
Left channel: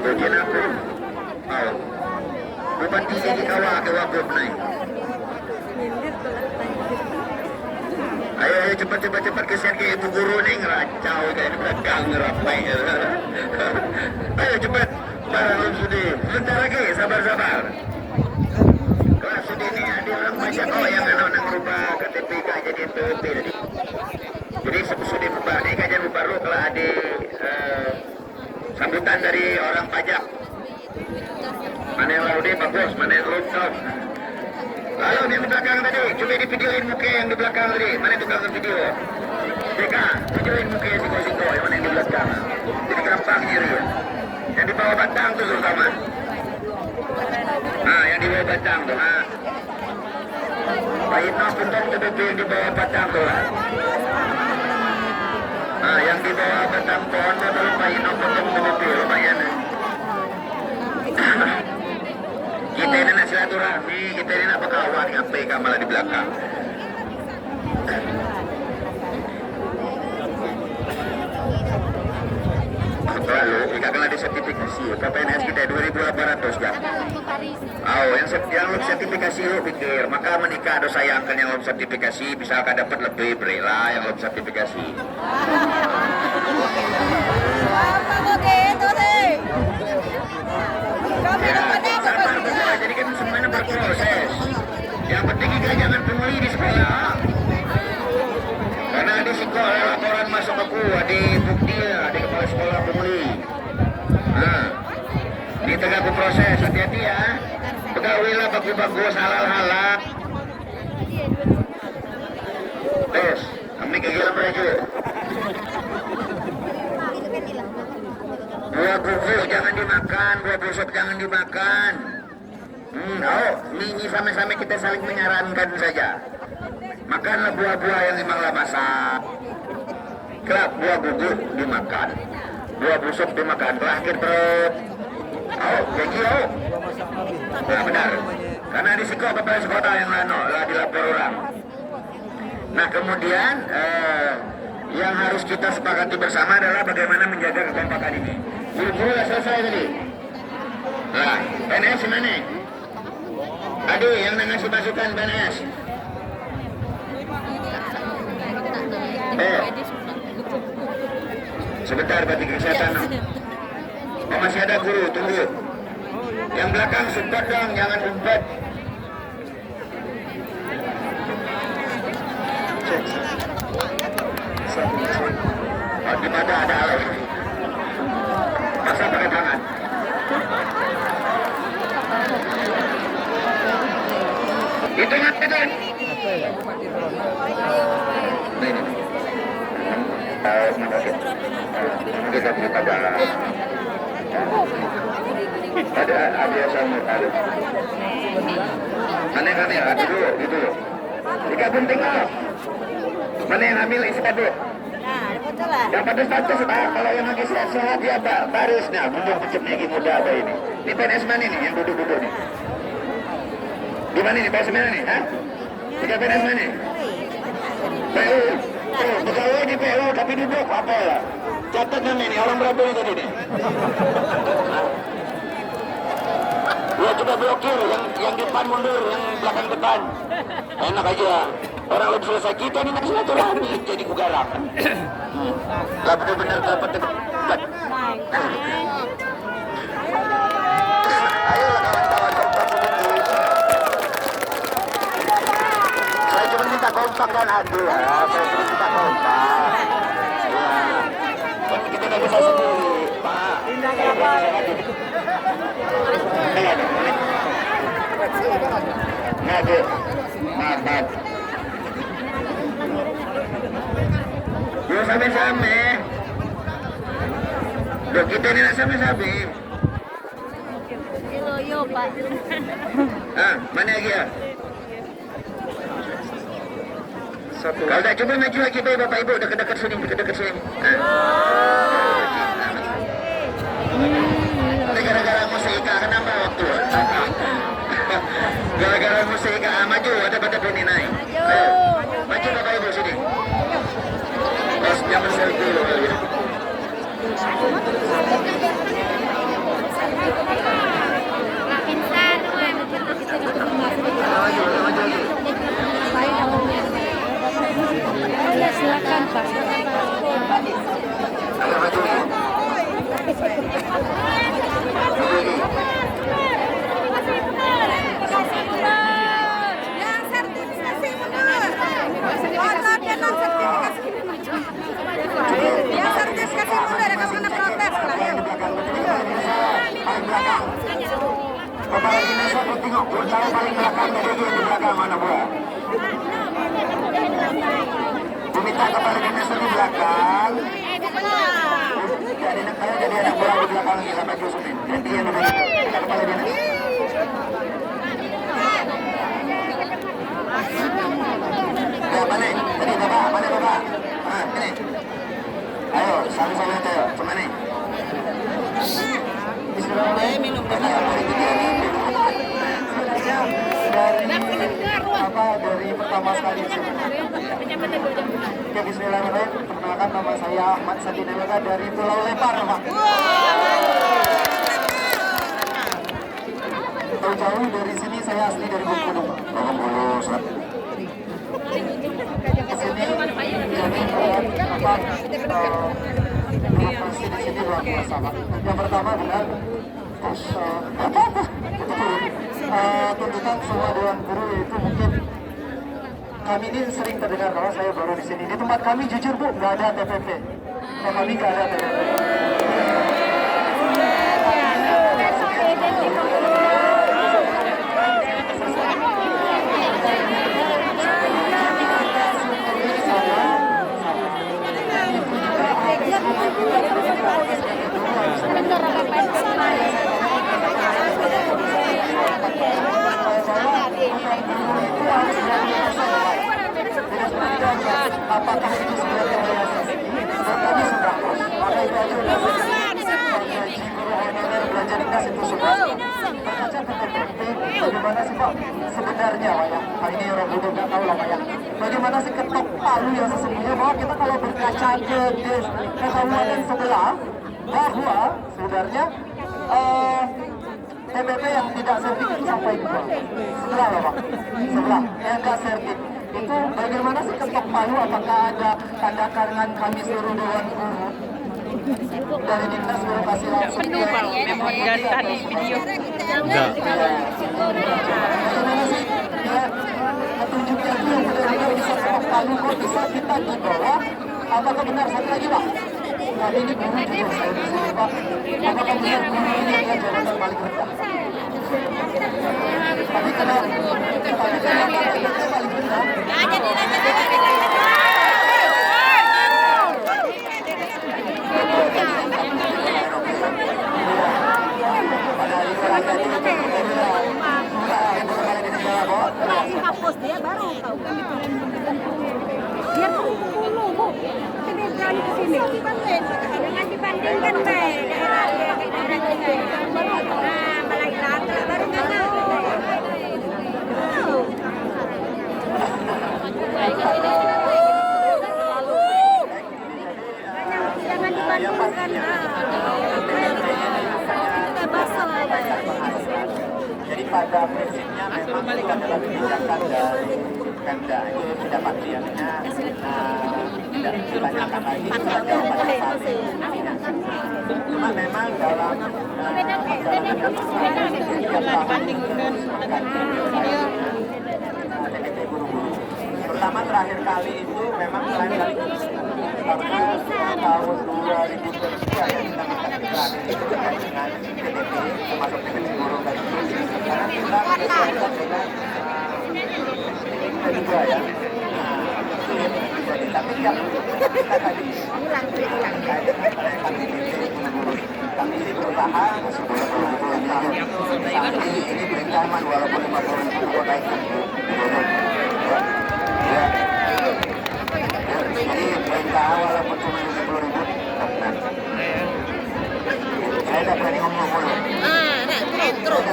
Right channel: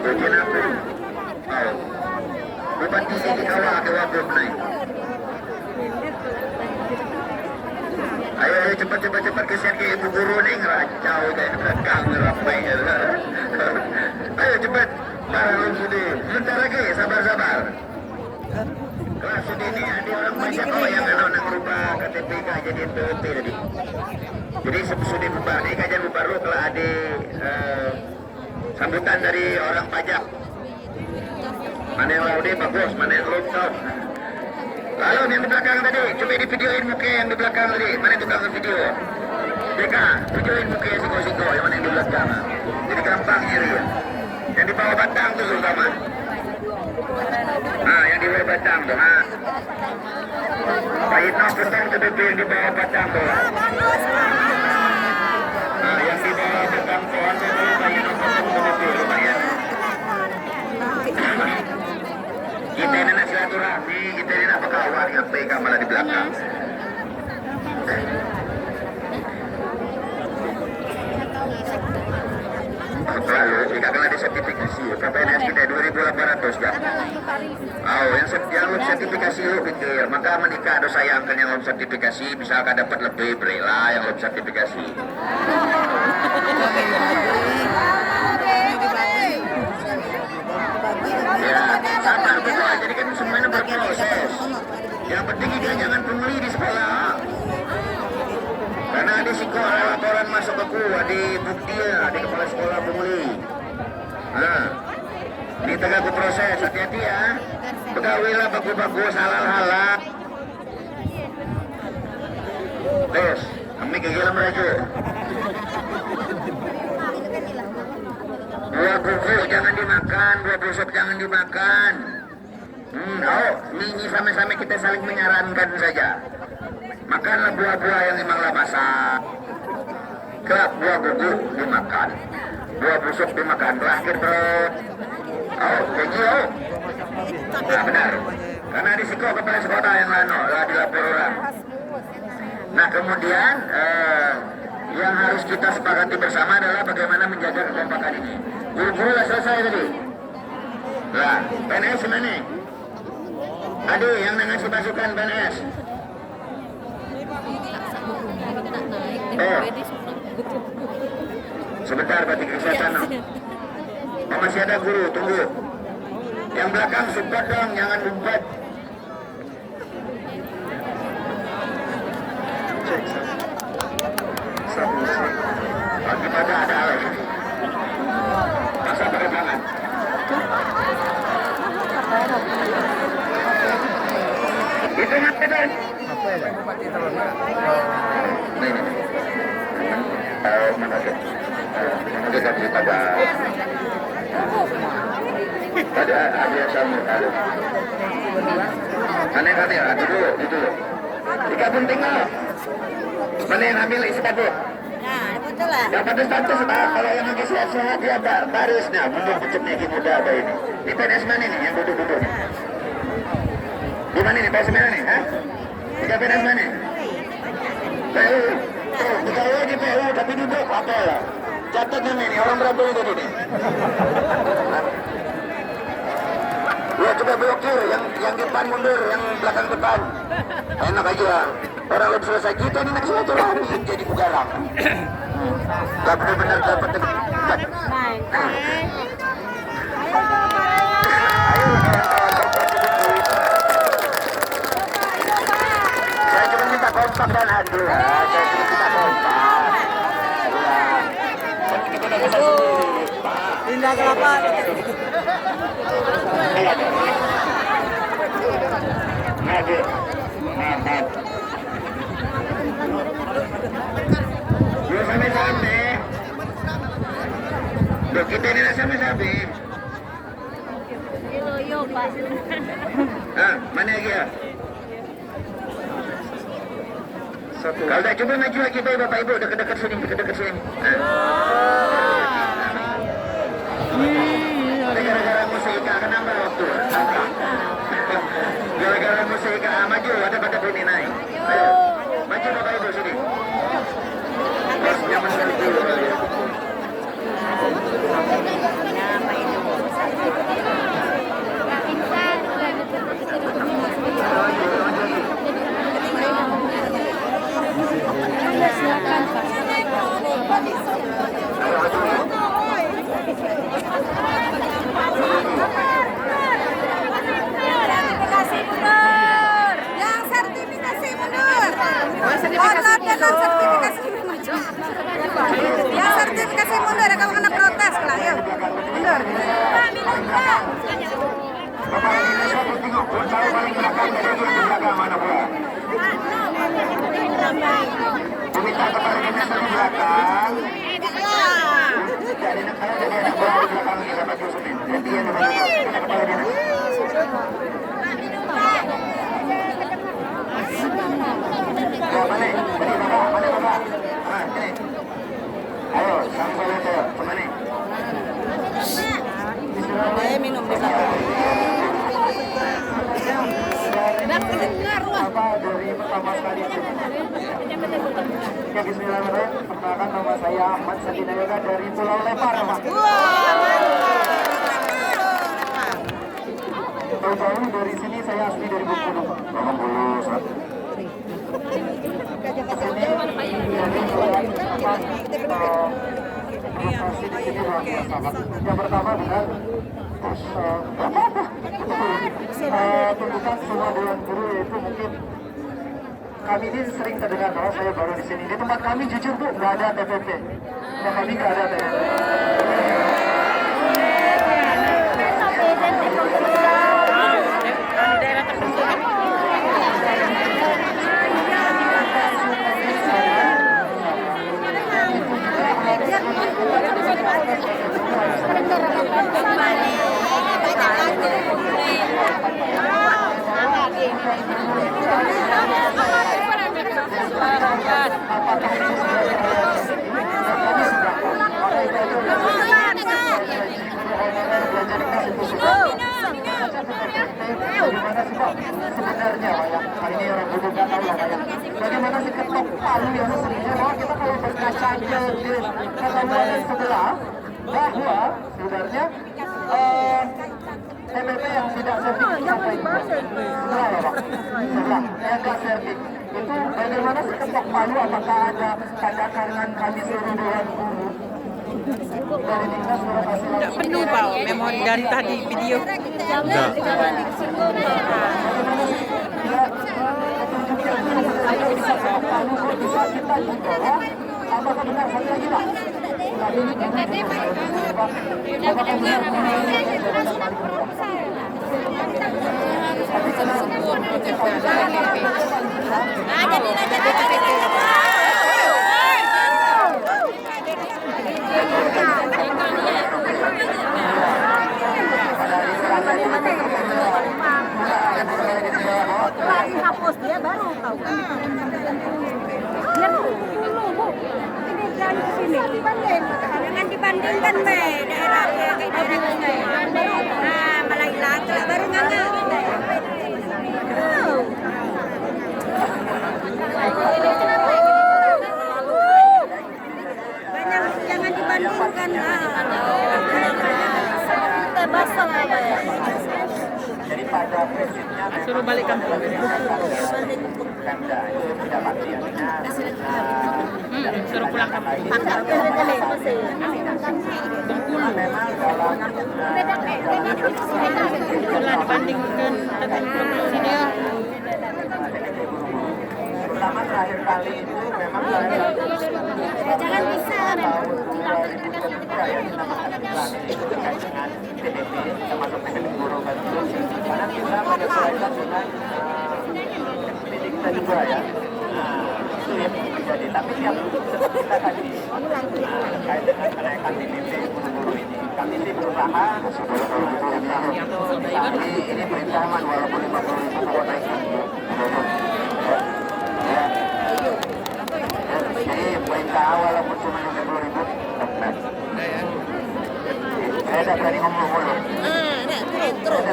Bagian aku. Ayo. Bupati di kawah ke wagub naik. Ayo cepat kesian ke ibu guru nih ngeracau deh belakang ngerapai. Ayo cepat. Larang Sudi. Bentar lagi sabar. Kelas Sudi ini ada orang banyak kalau yang anak rubah KTPK jadi NPWP tadi. Jadi Sudi buka nih kajian buka lo kalau ada sambutan dari orang pajak. Mana yang laude bagus, mana yang lupa. Lalu yang di belakang tadi, coba di videoin muka yang di belakang tadi. Mana tukang video? Mereka, videoin muka yang siko-siko, yang mana yang di belakang. Jadi gampang ini. Yang di bawah batang tuh terutama. Nah, yang di bawah batang tuh, ha. Pak Itno putar ke yang di bawah batang tuh. Nah, yang di bawah batang pohon tuh, Pak Itno putar ke lumayan. Kita ini nak silaturahmi, kita ini nak berkawan dengan PK malah di belakang. Lalu, jika kena disertifikasi, KPNS kita 2.800 kan? Oh, yang belum sertifikasi lo pikir, maka menikah ada sayangkan yang belum sertifikasi, bisa akan dapat lebih, berilah yang belum sertifikasi. Jadi kami semuanya berproses. Yang penting kita jangan pungli di sekolah. Karena di sekolah laporan masuk ke kuah, di bukti di kepala sekolah pungli. Nah, di tengah berproses, hati-hati ya. Pegawailah bagus-bagus, halal-halal. Terus, kami kegiatan mereka. Buah buku jangan dimakan, buah busuk jangan dimakan. Ini sama-sama kita saling menyarankan saja. Makanlah buah-buah yang memanglah masak. Kelak buah gugur dimakan, buah busuk dimakan, terakhir perut. Oh, janji oh. Nah, benar. Karena risiko kepala sekolah yang lain ya dilapor orang. Nah kemudian yang harus kita sepakati bersama adalah bagaimana menjaga kekompakan ini. Guru-guru sudah selesai tadi. Nah, PNS mana? Tadi yang ngasih masukan PNS. Sebentar, Batik Kesehatan. Oh, masih ada guru, tunggu. Yang belakang sempat dong, jangan umpat. Kita ada lagi. Sampai jangan. Itu apa tuh? Kita pada ada sama aneh-aneh itu tiga penting mana yang ambil isi kado dapat status kalau yang lagi sehat-sehat ya harusnya belum dicemil muda ada ini PNS mana nih yang duduk-duduk di mana nih Pak Semena nih kita PNS mana PU bukan lagi PU tapi duduk apa lah catat nama ini orang berapa ini tadi nih ya coba blokir yang depan mundur yang belakang depan enak aja orang lebih selesai kita ini nanti silaturahmi jadi kugarang lah benar-benar dapat ayolah kawan-kawan kompak sedikit saya cuma minta kompak dan adil lah saya cuma minta kompak ya kalau kita tidak bisa sendiri indah kawan Nugget, mantap. Belum sampai-sampai. Loh kita ini nak sampai-sampai. Mana lagi ya? Satu. Kalau tak coba maju lagi bapak ibu dekat-dekat sini, dekat-dekat sini. Gara-gara musika kenapa waktu? Gara-gara musika maju ada pada ini naik. Ayo, maju bapak ibu sini. Pas jangan selfie dulu kali ya. Silakan Pak. Ada maju nih. Sertifikasi mundur kalau kena protes lah ya. Ayo, sama-sama itu, cuma nih. Minum di sana. Dari pertama sekali ya bismillahirrahmanirrahim. Perkenalkan nama saya Ahmad Sadina Yoga dari Pulau Lepar. Jauh dari sini saya asli dari Bengkulu. Yang pertama benar tuntutan semua dewan guru itu mungkin kami ini sering terdengar bahwa saya baru di sini. Di tempat kami jujur Bu, nggak ada TPP. Yang kami nggak ada TPP. tahu lah ya. Bagaimana sih ketok palu yang sesungguhnya bahwa kita kalau berkaca ke kota wilayah sebelah, bahwa sebenarnya TPP yang tidak sertifikat sampai sebelah ya Pak, sebelah yang tidak sertifikat itu bagaimana sih ketok palu, apakah ada tanda tangan kami seluruh dewan guru dari Dinas Birokrasi langsung Penuh Pak, memang dari tadi video. Enggak. bisa kita bawa apakah benar satu lagi Pak? Ini hapus dia baru tahu kan dia dulu bu ini jalan ke sini jangan dibandingkan daerahnya nah malah hilang baru nggak jangan dibandingkan jadi pada prinsipnya Suruh balik kampung. Pemda itu tidak maksiatnya pertama terakhir kali itu memang saya jangan bisa itu terkait dengan TDP termasuk dengan guru dan karena kita kedua ya itu yang terjadi tapi yang kita tadi terkait dengan kami sih berusaha ini perintahan walaupun 40.000 naik jadi perintahan walaupun cuma 50.000 saya dari terus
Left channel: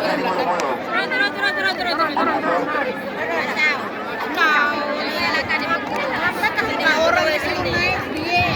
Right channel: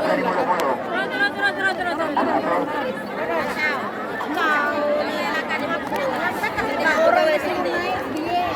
orang di sini naik dia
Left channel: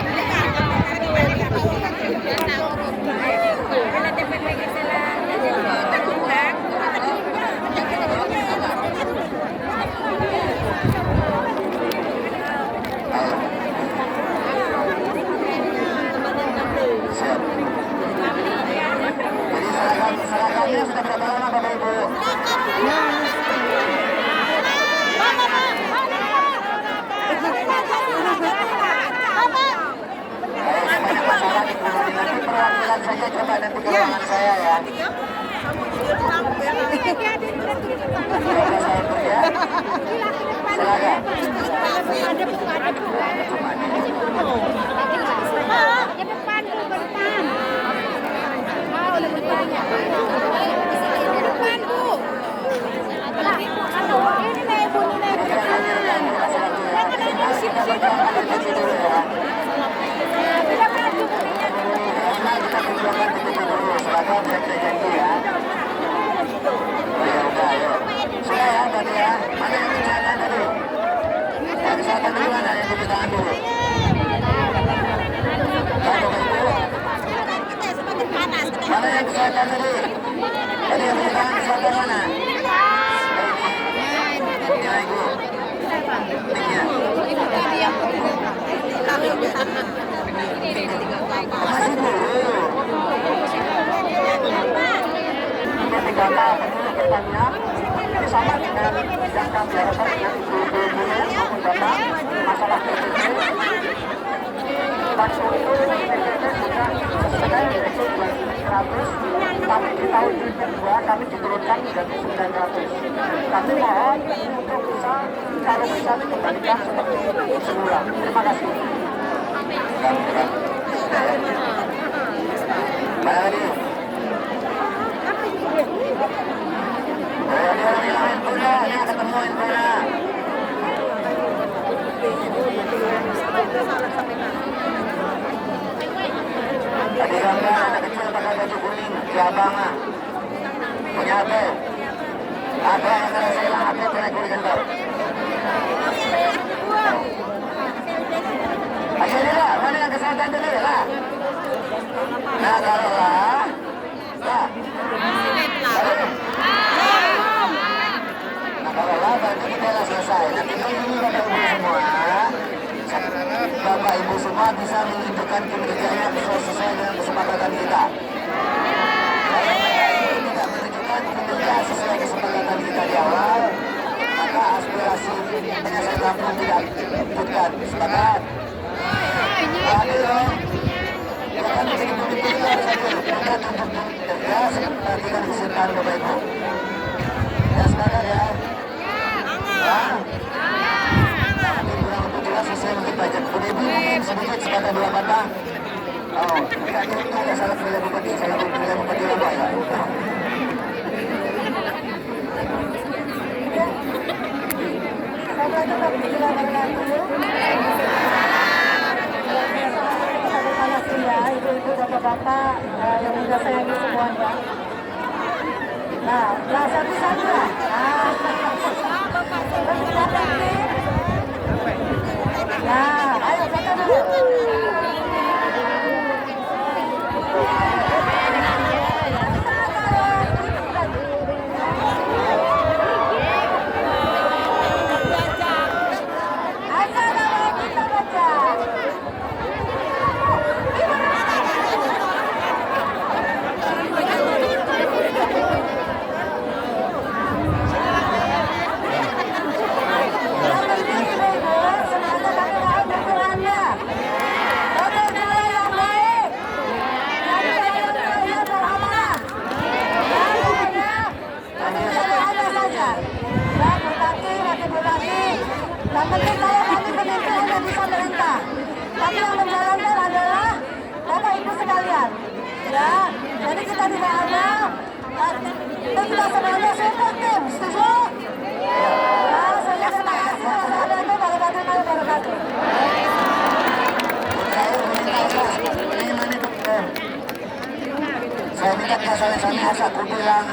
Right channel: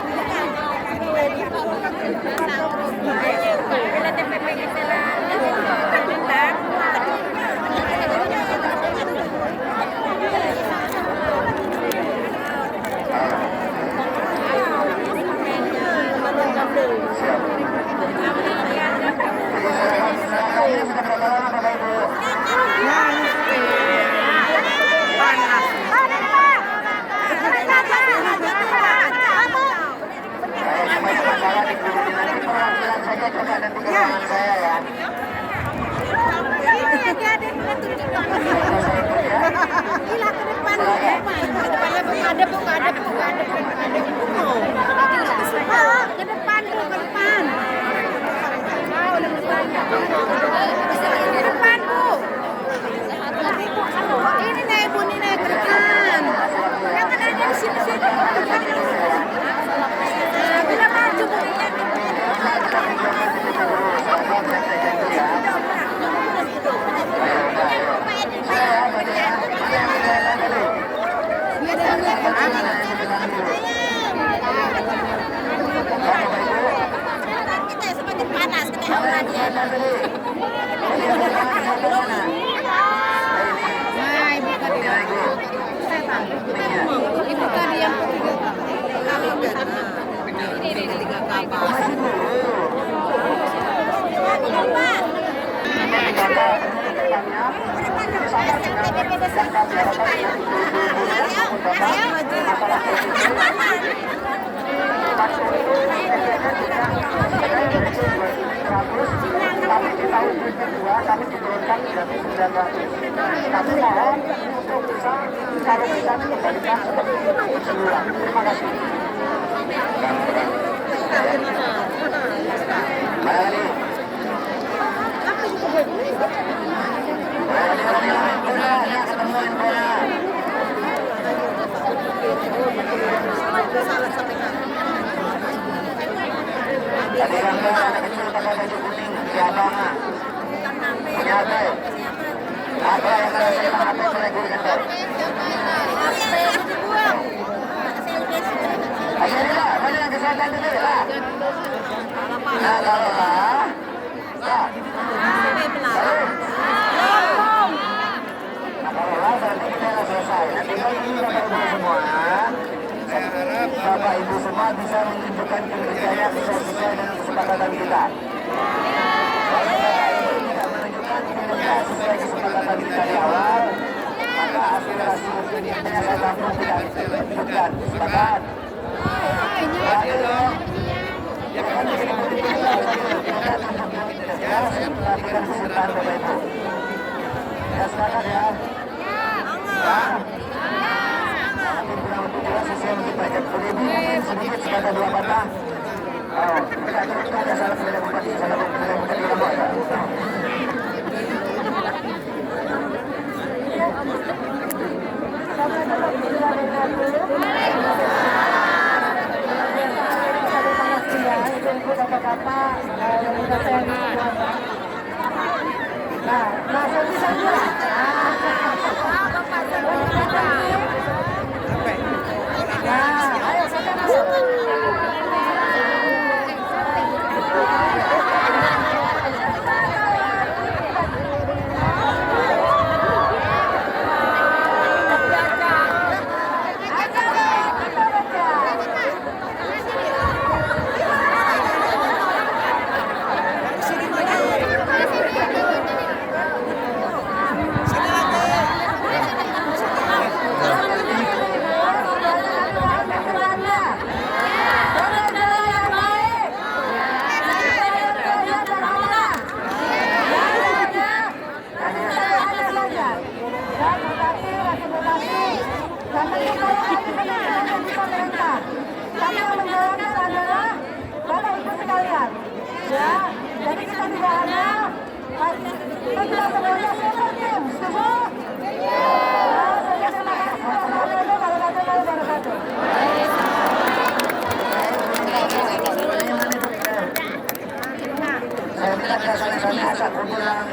suaminya satu bilang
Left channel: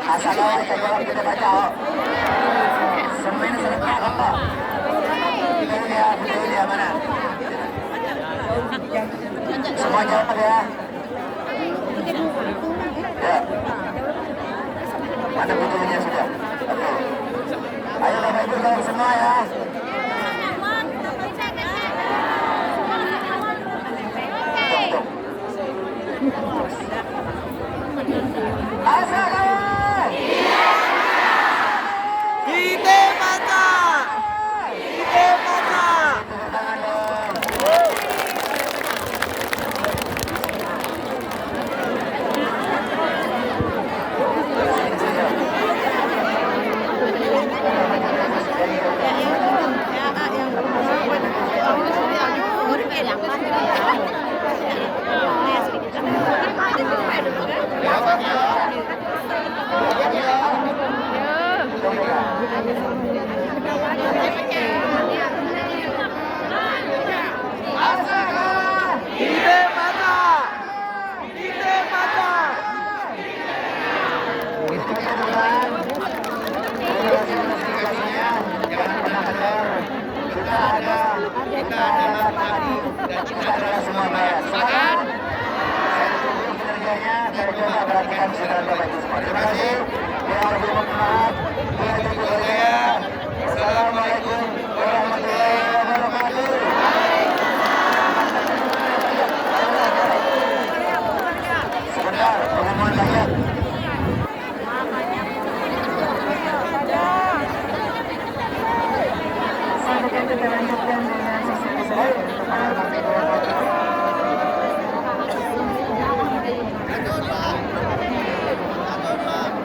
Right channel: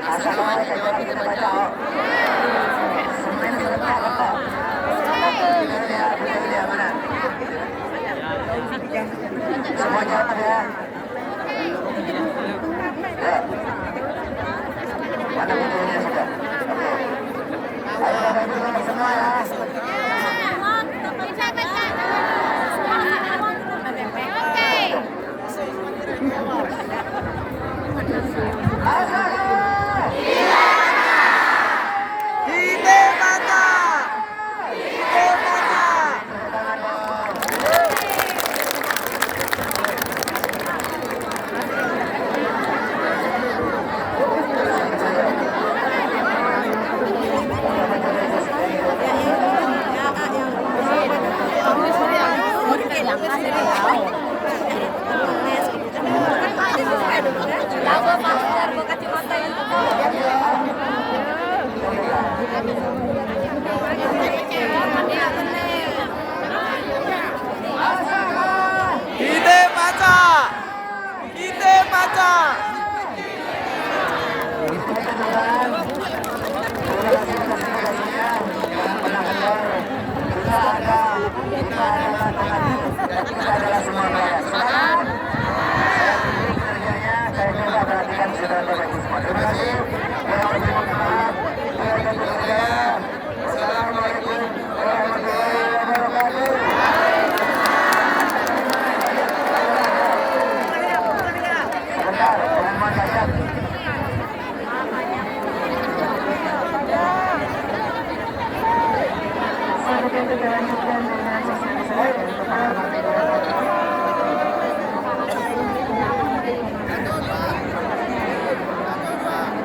asal awal ini jawab kita baca. Semuanya serempak. Semua jawab ya. Ya. Mana bukunya sudah? Oke. Ayo Bapak Ibu semua ya. Ide mata. Ide mata. Ide mata. Ide mata. Kita adalah Bupati dan kita adalah semua rakyat. Sepakat? Dan Bapak perhatikan sudah Terima kasih.